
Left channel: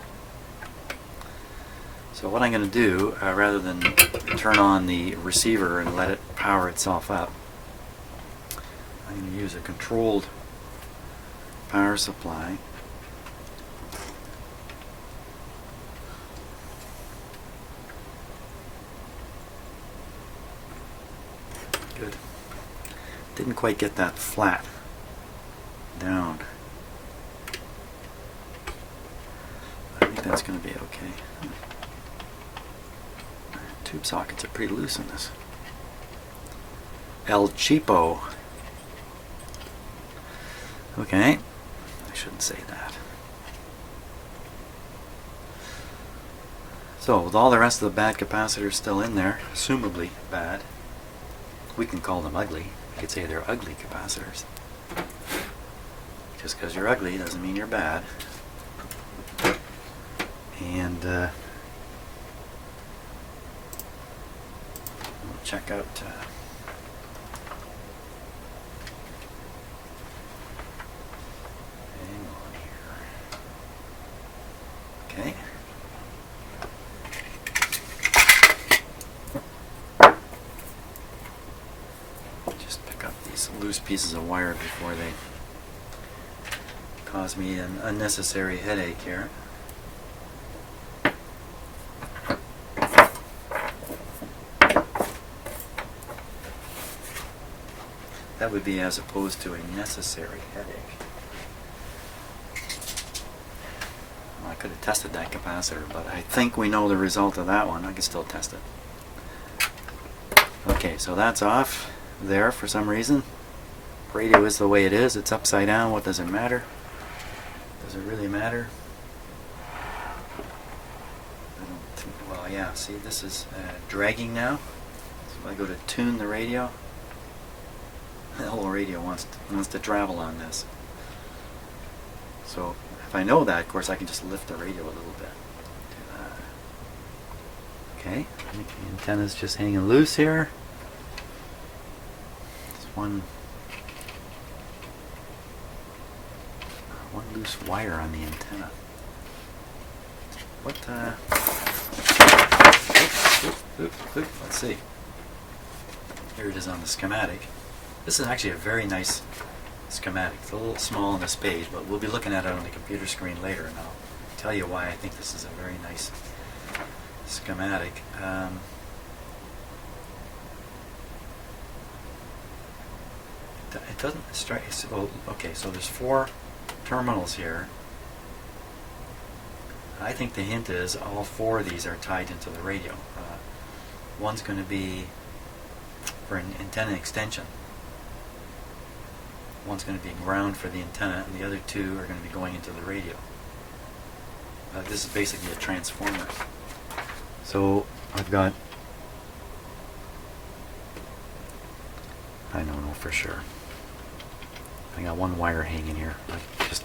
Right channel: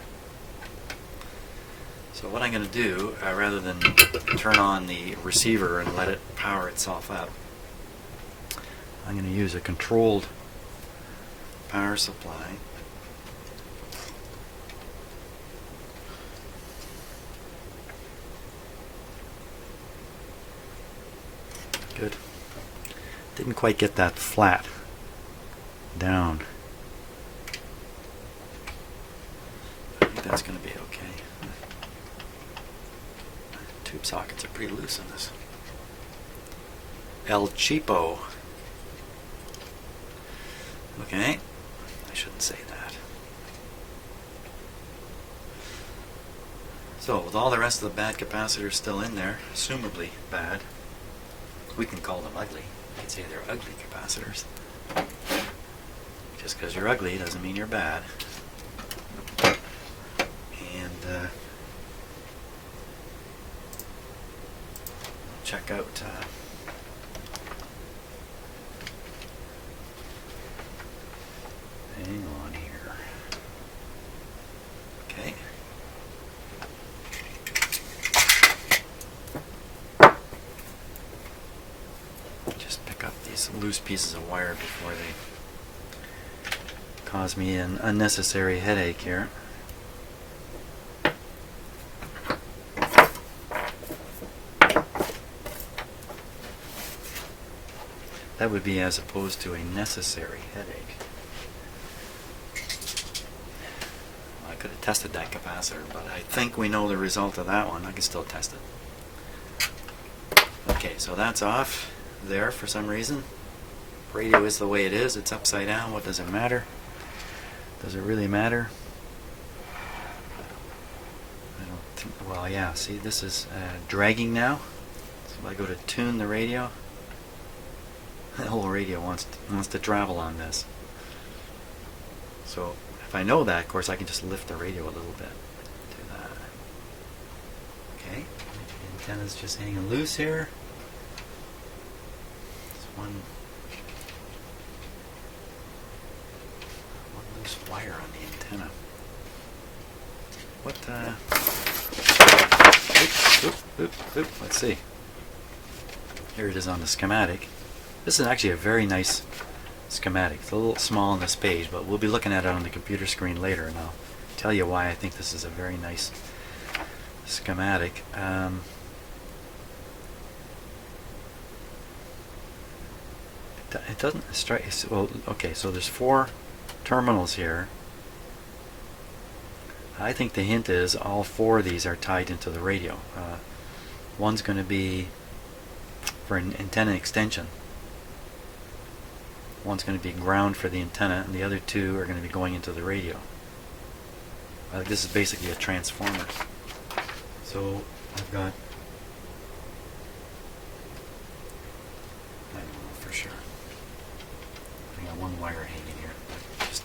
So what I'm going to do, rather than turn on the receiver and let it power itself up, I'm going to use a controlled power supply. Good. Didn't quite get that flat down. I think that's going to be okay. Tube sockets are pretty loose in this. El Cheapo. Okay, I shouldn't say that. So, with all the rest of the bad capacitors still in there, assumably bad, we can call them ugly. You could say they're ugly capacitors. Just because you're ugly doesn't mean you're bad. And we'll check out hang on here. Okay. Just pick up these loose pieces of wire before they cause me an unnecessary headache here. That would be as opposed to a necessary headache. I could have tested that capacitor, but I think we know the result of that one. I can still test it. Okay, so that's off there for some reason. Radio is the way it is. It's upside down. What does it matter? Does it really matter? I don't think, well, yeah, see, this is dragging now. So if I go to tune the radio, the whole radio wants to travel on this. So if I know that, of course, I can just lift the radio a little bit. Do that. Okay, the antenna's just hanging loose here. There's one loose wire on the antenna. What? Let's see. Here it is on the schematic. This is actually a very nice schematic. It's a little small on this page, but we'll be looking at it on the computer screen later, and I'll tell you why I think this is a very nice schematic. It doesn't strike. Well, okay, so there's 4 terminals here. I think the hint is all 4 of these are tied into the radio. One's going to be for an antenna extension. One's going to be ground for the antenna, and the other 2 are going to be going into the radio. This is basically a transformer. So I've got, I don't know for sure. I got 1 wire hanging here. I just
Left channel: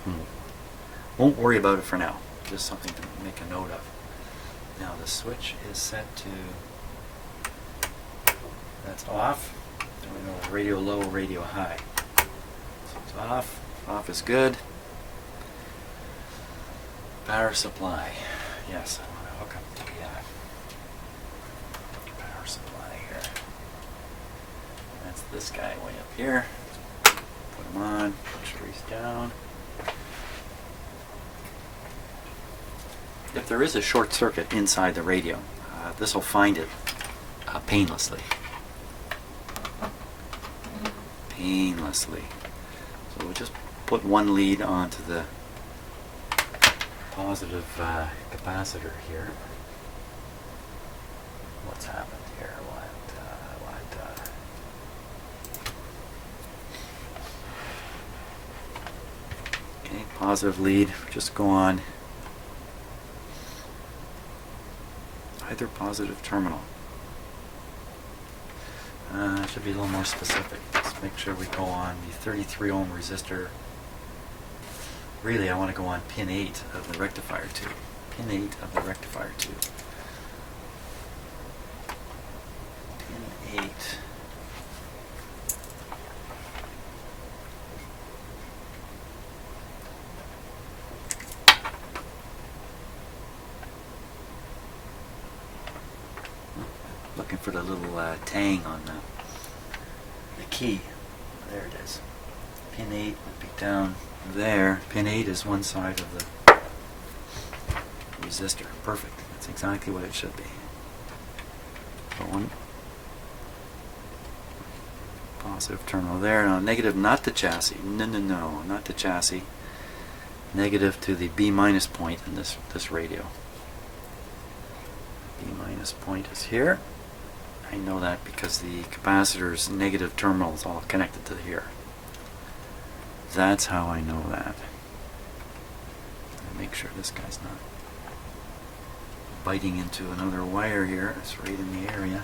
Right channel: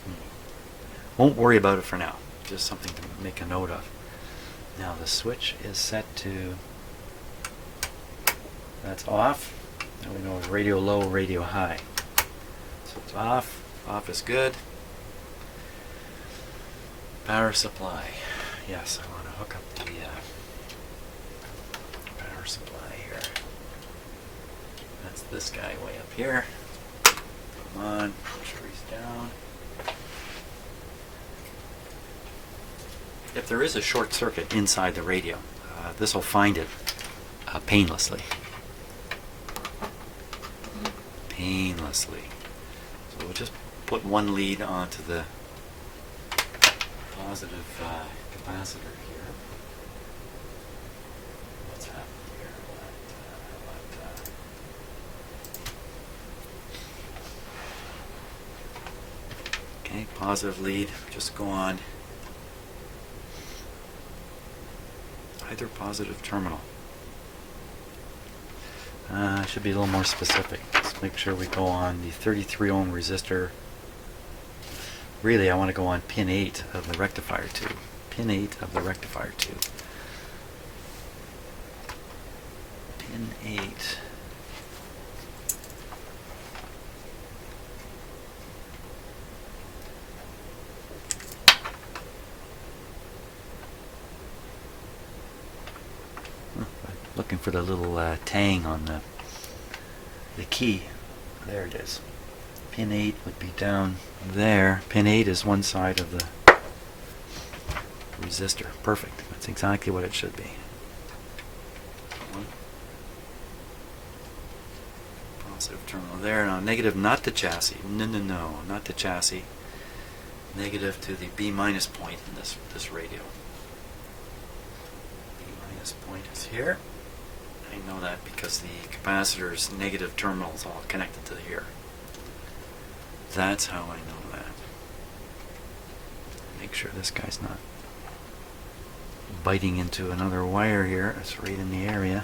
won't worry about it for now. Just something to make a note of. Now the switch is set to, that's off. Now we know radio low, radio high. So it's off. Off is good. Power supply. Yes, I want to hook up the power supply here. That's this guy way up here. Put him on. Make sure he's down. If there is a short circuit inside the radio, this will find it painlessly. Painlessly. So we'll just put one lead onto the positive capacitor here. What's happened here? Okay, positive lead. Just go on either positive terminal. Should be a little more specific. Let's make sure we go on the 33 ohm resistor. Really, I want to go on pin 8 of the rectifier tube. Pin 8 of the rectifier tube. Pin 8. Looking for the little tang on the key. There it is. Pin 8 would be down there. Pin 8 is one side of the resistor. Perfect. That's exactly what it should be. So one positive terminal there. Now negative, not the chassis. No, not the chassis. Negative to the B minus point in this radio. B minus point is here. I know that because the capacitor's negative terminal is all connected to here. That's how I know that. Make sure this guy's not biting into another wire here. It's right in the area.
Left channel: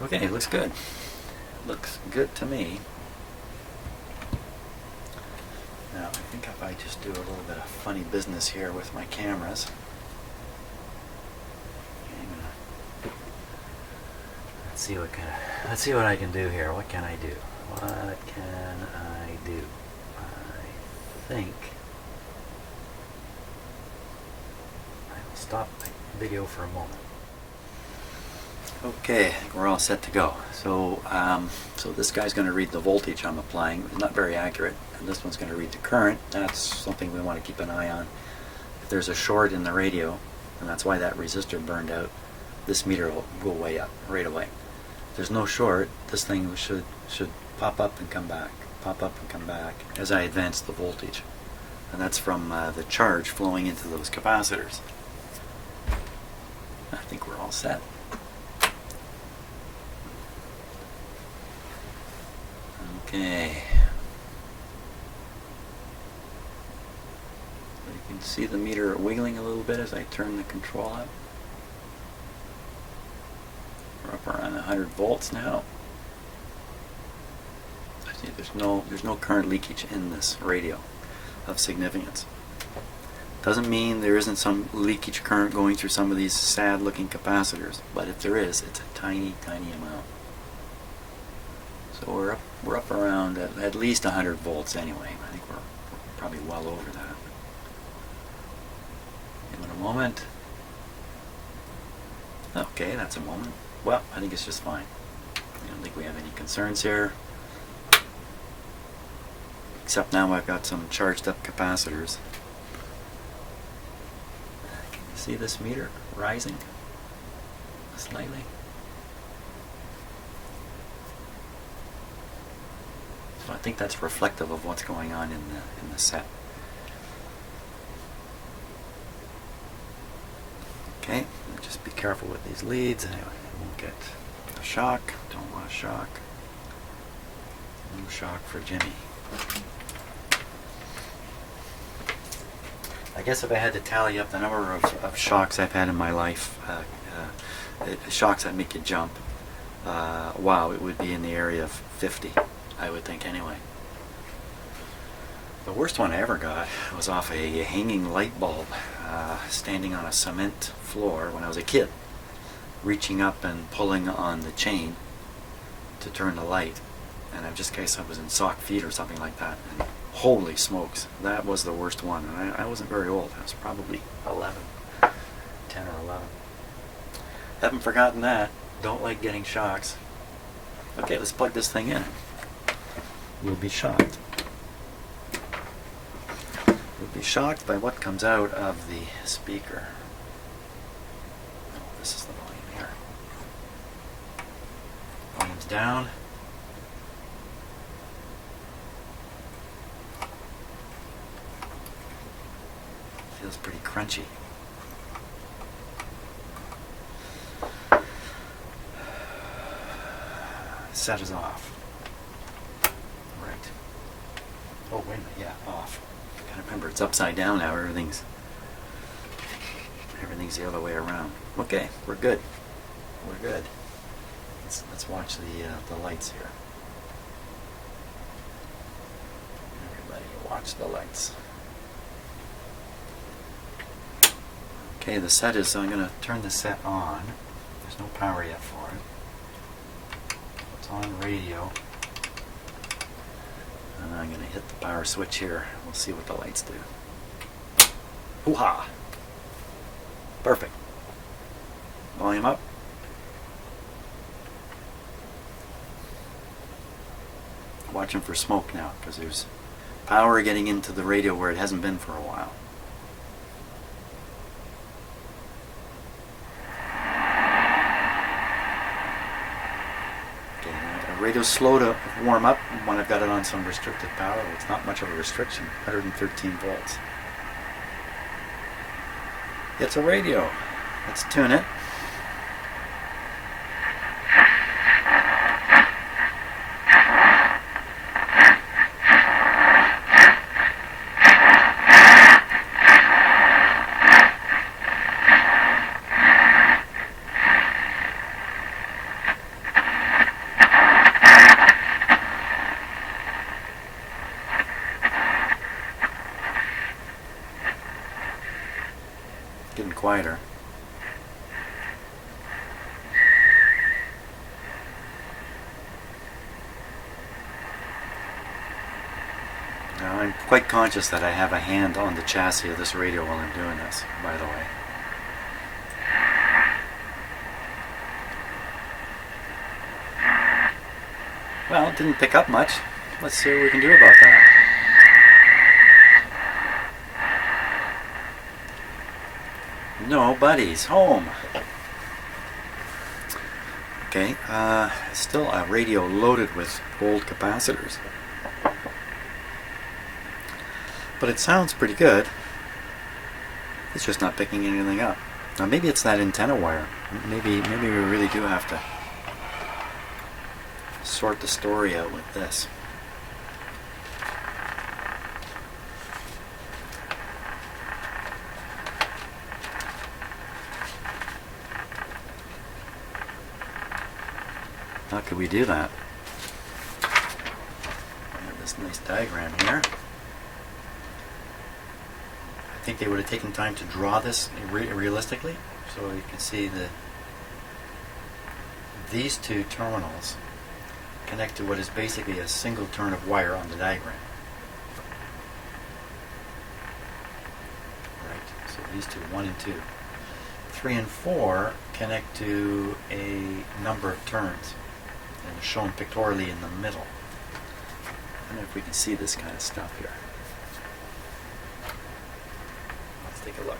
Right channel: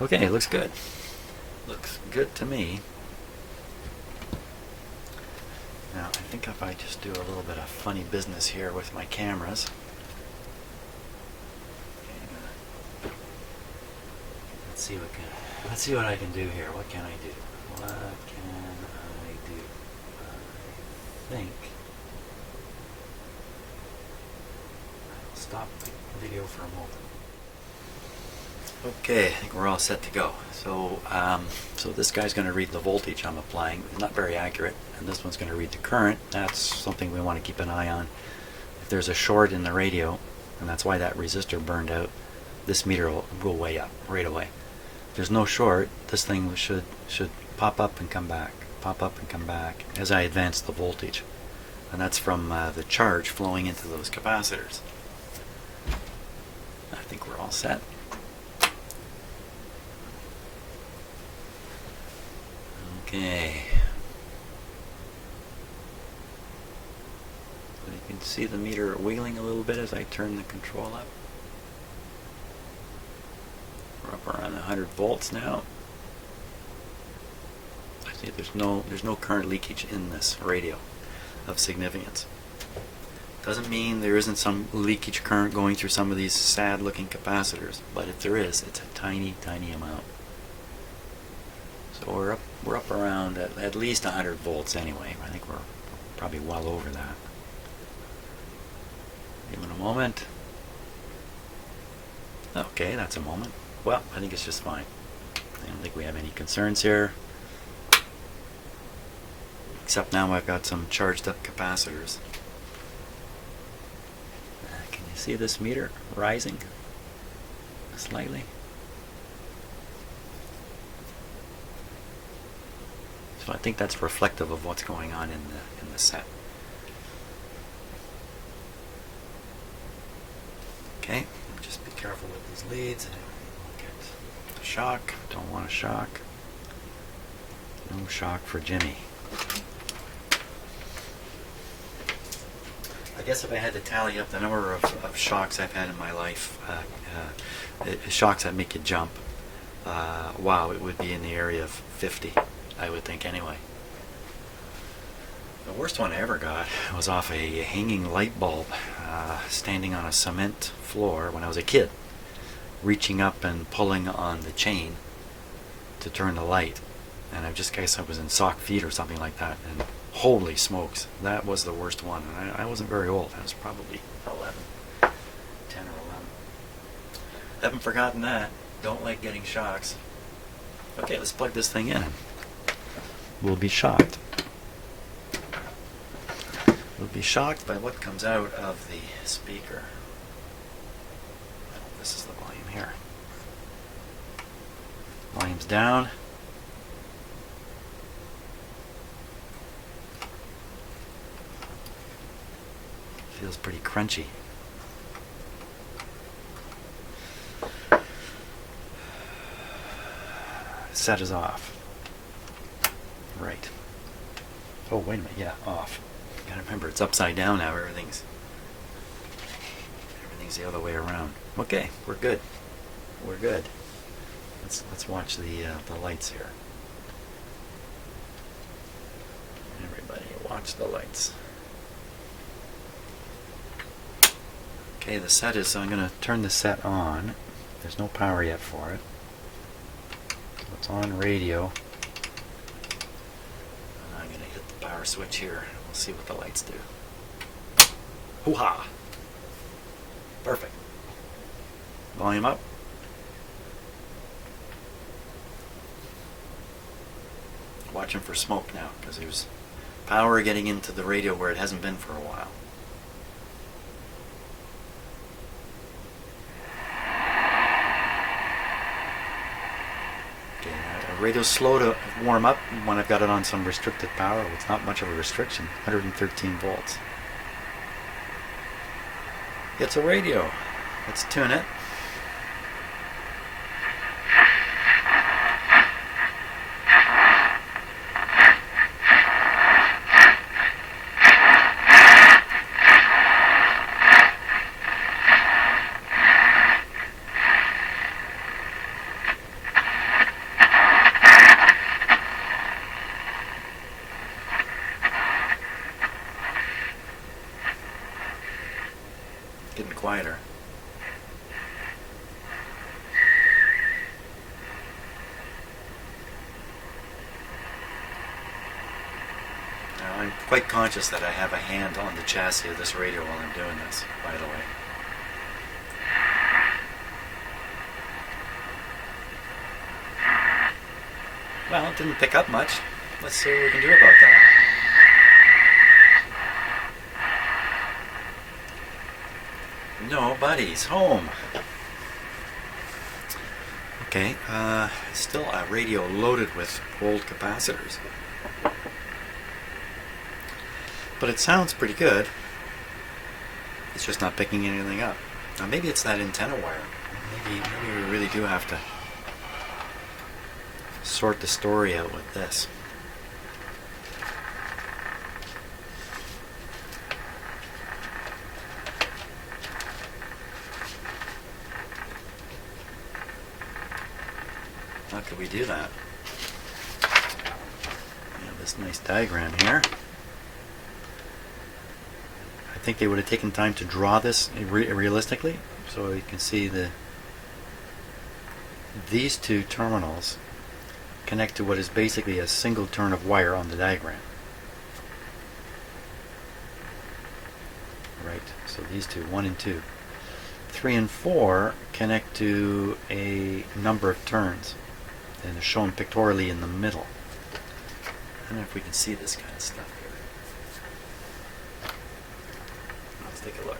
Okay, it looks good. Looks good to me. Now, I think if I just do a little bit of funny business here with my cameras. Let's see what I can do here. What can I do? What can I do? I think I'll stop the video for a moment. Okay, I think we're all set to go. So, so this guy's going to read the voltage I'm applying. It's not very accurate, and this one's going to read the current. That's something we want to keep an eye on. If there's a short in the radio, and that's why that resistor burned out, this meter will go way up right away. If there's no short, this thing should pop up and come back, pop up and come back as I advance the voltage, and that's from the charge flowing into those capacitors. I think we're all set. Okay. So you can see the meter wiggling a little bit as I turn the control up. We're up around 100 volts now. I see there's no current leakage in this radio of significance. Doesn't mean there isn't some leakage current going through some of these sad looking capacitors, but if there is, it's a tiny amount. So we're up around at least 100 volts anyway. I think we're probably well over that. Give it a moment. Okay, that's a moment. Well, I think it's just fine. I don't think we have any concerns here. Except now I've got some charged up capacitors. Can you see this meter rising slightly? So I think that's reflective of what's going on in the set. Okay, just be careful with these leads. Anyway, won't get a shock. Don't want a shock. No shock for Jimmy. I guess if I had to tally up the number of shocks I've had in my life, shocks that make you jump, wow, it would be in the area of 50, I would think anyway. The worst one I ever got was off a hanging light bulb, standing on a cement floor when I was a kid. reaching up and pulling on the chain to turn the light, and I guess I was in sock feet or something like that, and holy smokes, that was the worst one. And I wasn't very old. I was probably 10 or 11. Haven't forgotten that. Don't like getting shocks. Okay, let's plug this thing in. We'll be shocked. We'll be shocked by what comes out of the speaker. Oh, this is the volume here. Volume's down. Feels pretty crunchy. Set is off. Right. Oh, wait a minute. Yeah, off. Gotta remember, it's upside down now. Everything's the other way around. Okay, we're good. We're good. Let's watch the lights here. Everybody, watch the lights. Okay, the set is. I'm going to turn the set on. There's no power yet for it. It's on radio. And I'm going to hit the power switch here. We'll see what the lights do. Hoo-ha! Perfect. Volume up. Watching for smoke now, because there's power getting into the radio where it hasn't been for a while. Radio's slow to warm up when I've got it on some restricted power. It's not much of a restriction, 113 volts. It's a radio. Let's tune it. Getting quieter. Now I'm quite conscious that I have a hand on the chassis of this radio while I'm doing this, by the way. Well, it didn't pick up much. Let's see what we can do about that. Nobody's home. Okay, still a radio loaded with old capacitors. But it sounds pretty good. It's just not picking anything up. Now maybe it's that antenna wire. Maybe we really do have to sort the story out with this. How could we do that? I have this nice diagram here. I think they would have taken time to draw this realistically, so you can see these two terminals connect to what is basically a single turn of wire on the diagram. Right, so these two, 1 and 2. 3 and 4 connect to a number of turns, and is shown pictorially in the middle. I don't know if we can see this kind of stuff here. Let's take a look.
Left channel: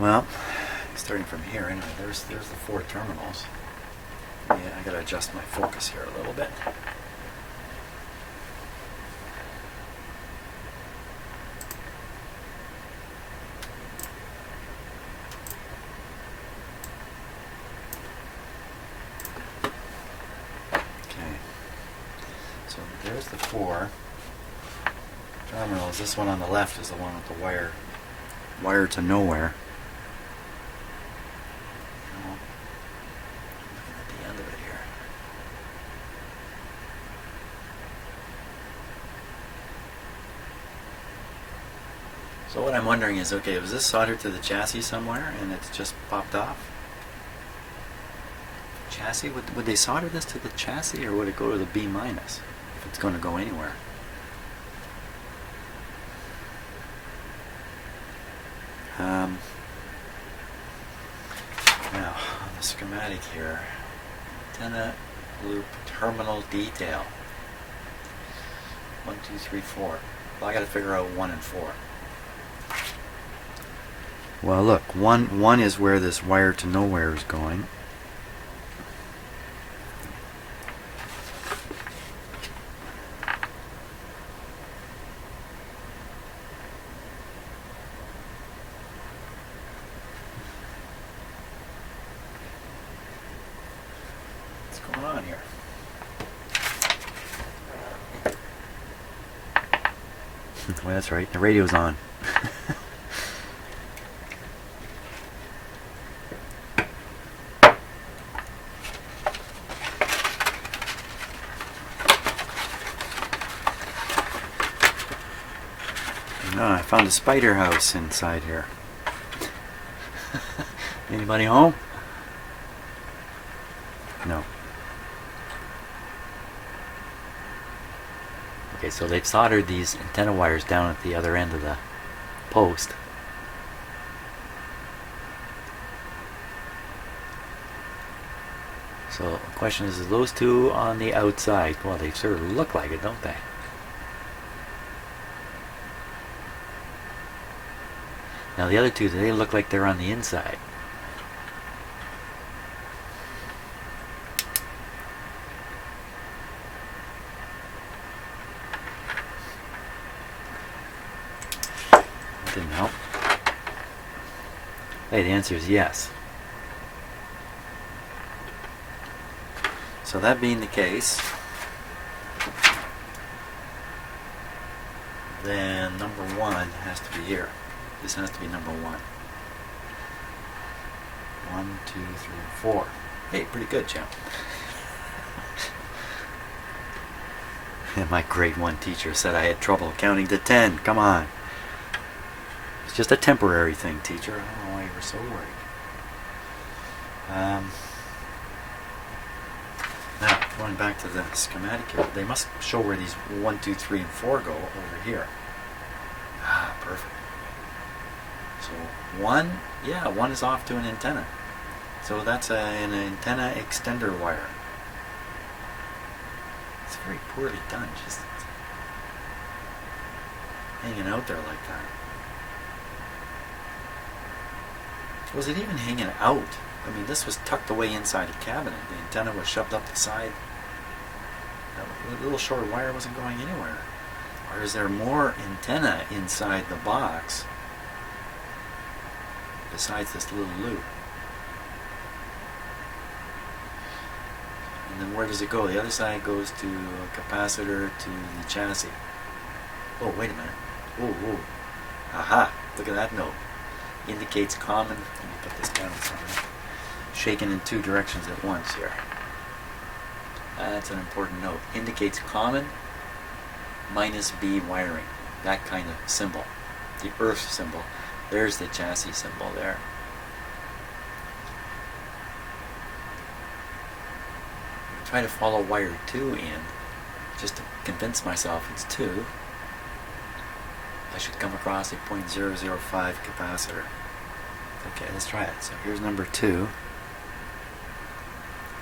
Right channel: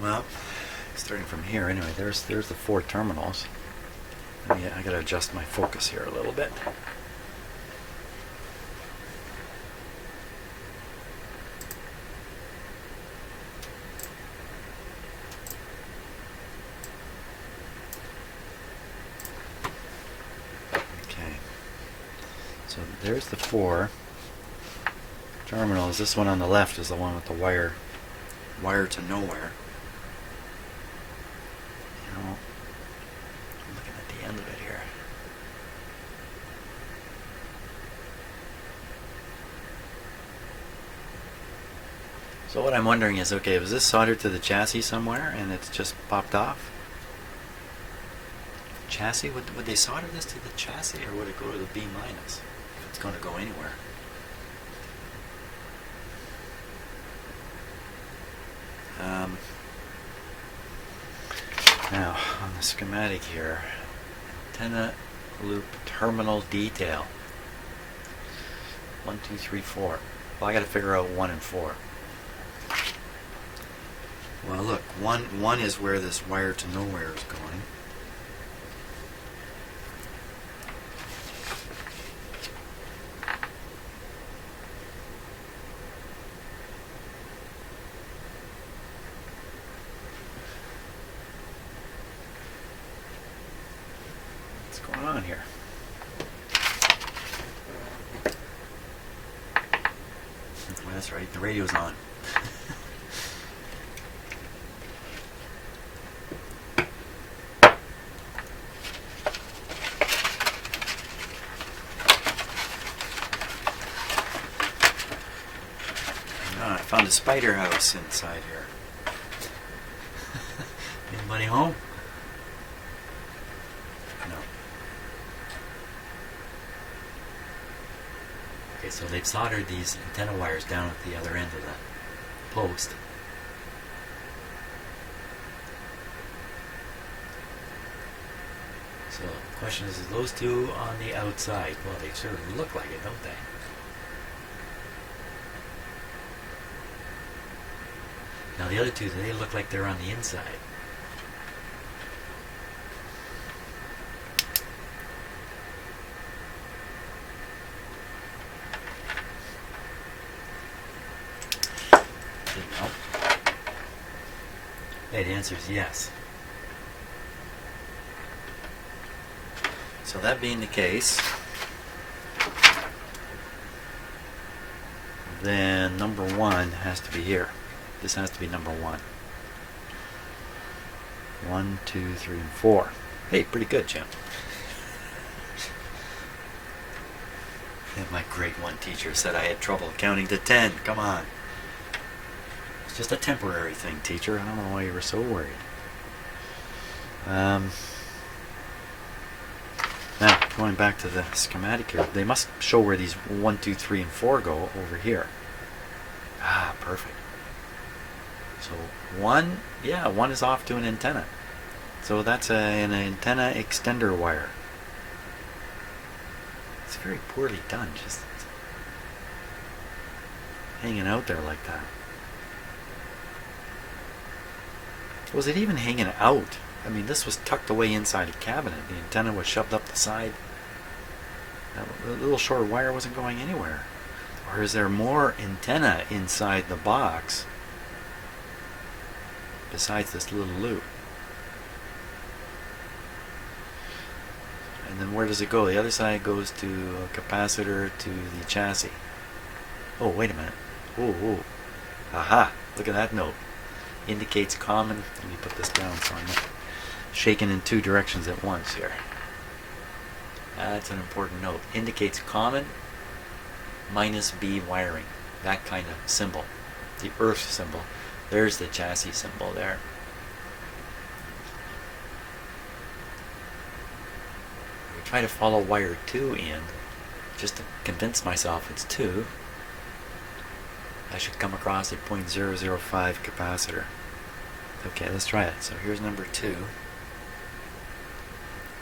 Well, starting from here, anyway, there's the 4 terminals. Yeah, I gotta adjust my focus here a little bit. So there's the 4 terminals. This one on the left is the one with the wire to nowhere. You know, I'm looking at the end of it here. So what I'm wondering is, okay, was this soldered to the chassis somewhere and it's just popped off? Chassis? Would they solder this to the chassis, or would it go to the B minus if it's going to go anywhere? Now, on the schematic here, antenna loop terminal detail. 1, 2, 3, 4. Well, I got to figure out 1 and 4. Well, look, one is where this wire to nowhere is going. What's going on here? Well, that's right, the radio's on. I found a spider house inside here. Anybody home? No. Okay, so they've soldered these antenna wires down at the other end of the post. So the question is those two on the outside? Well, they sort of look like it, don't they? Now the other two, they look like they're on the inside. Didn't help. Hey, the answer is yes. So that being the case, then number 1 has to be here. This has to be number 1. 1, 2, 3, 4. Hey, pretty good, Jim. And my grade 1 teacher said I had trouble counting to 10. Come on. It's just a temporary thing, teacher. I don't know why you were so worried. Now, going back to the schematic here, they must show where these 1, 2, 3, and 4 go over here. Ah, perfect. So 1, yeah, 1 is off to an antenna. So that's an antenna extender wire. It's very poorly done, just hanging out there like that. Was it even hanging out? I mean, this was tucked away inside a cabinet. The antenna was shoved up the side. That little short wire wasn't going anywhere. Or is there more antenna inside the box besides this little loop? And then where does it go? The other side goes to a capacitor to the chassis. Oh, wait a minute. Oh. Aha, look at that note. Indicates common. Let me put this down so I'm not shaking in 2 directions at once here. That's an important note. Indicates common minus B wiring. That kind of symbol. The earth symbol. There's the chassis symbol there. I try to follow wire 2 in just to convince myself it's 2. I should come across a 0.005 capacitor. Okay, let's try it. So here's number 2.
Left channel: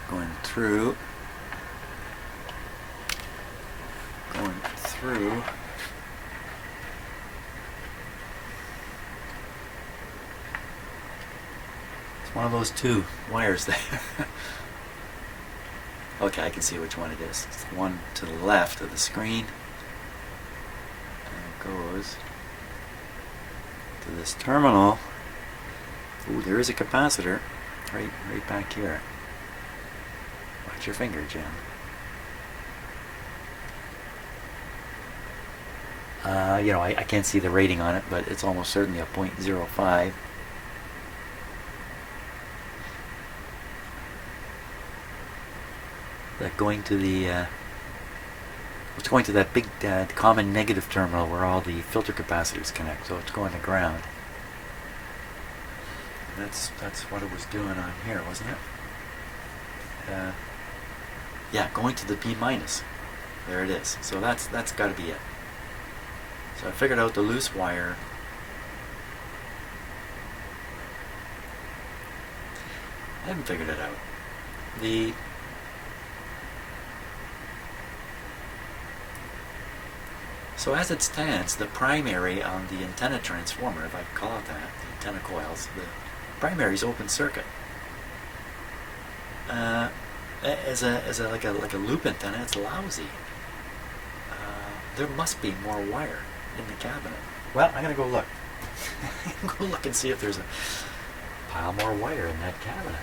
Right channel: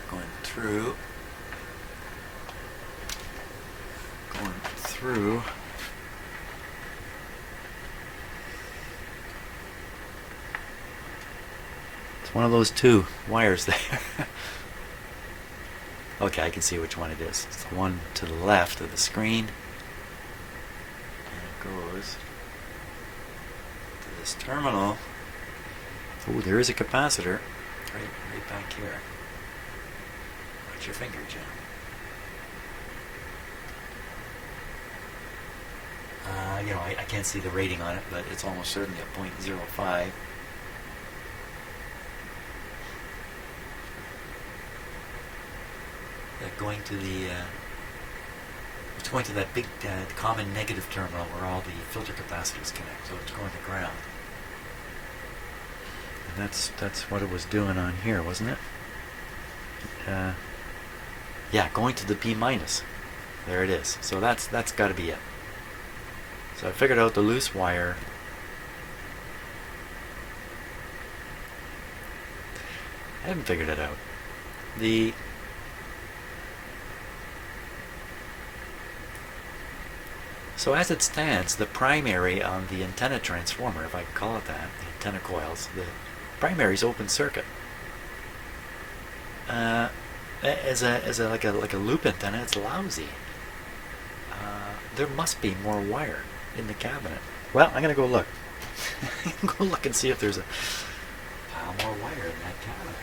Going through. It's one of those 2 wires there. Okay, I can see which one it is. It's the one to the left of the screen. And it goes to this terminal. Ooh, there is a capacitor right back here. Watch your finger, Jim. I can't see the rating on it, but it's almost certainly a 0.05. That going to the going to that big common negative terminal where all the filter capacitors connect, so it's going to ground. And that's what it was doing on here, wasn't it? Yeah, going to the B minus. There it is. So that's got to be it. So I figured out the loose wire. I haven't figured it out. So as it stands, the primary on the antenna transformer, if I call it that, the antenna coils, the primary is open circuit. As a like a loop antenna, it's lousy. There must be more wire in the cabinet. Well, I'm gonna go look. I'm gonna go look and see if there's a pile more wire in that cabinet.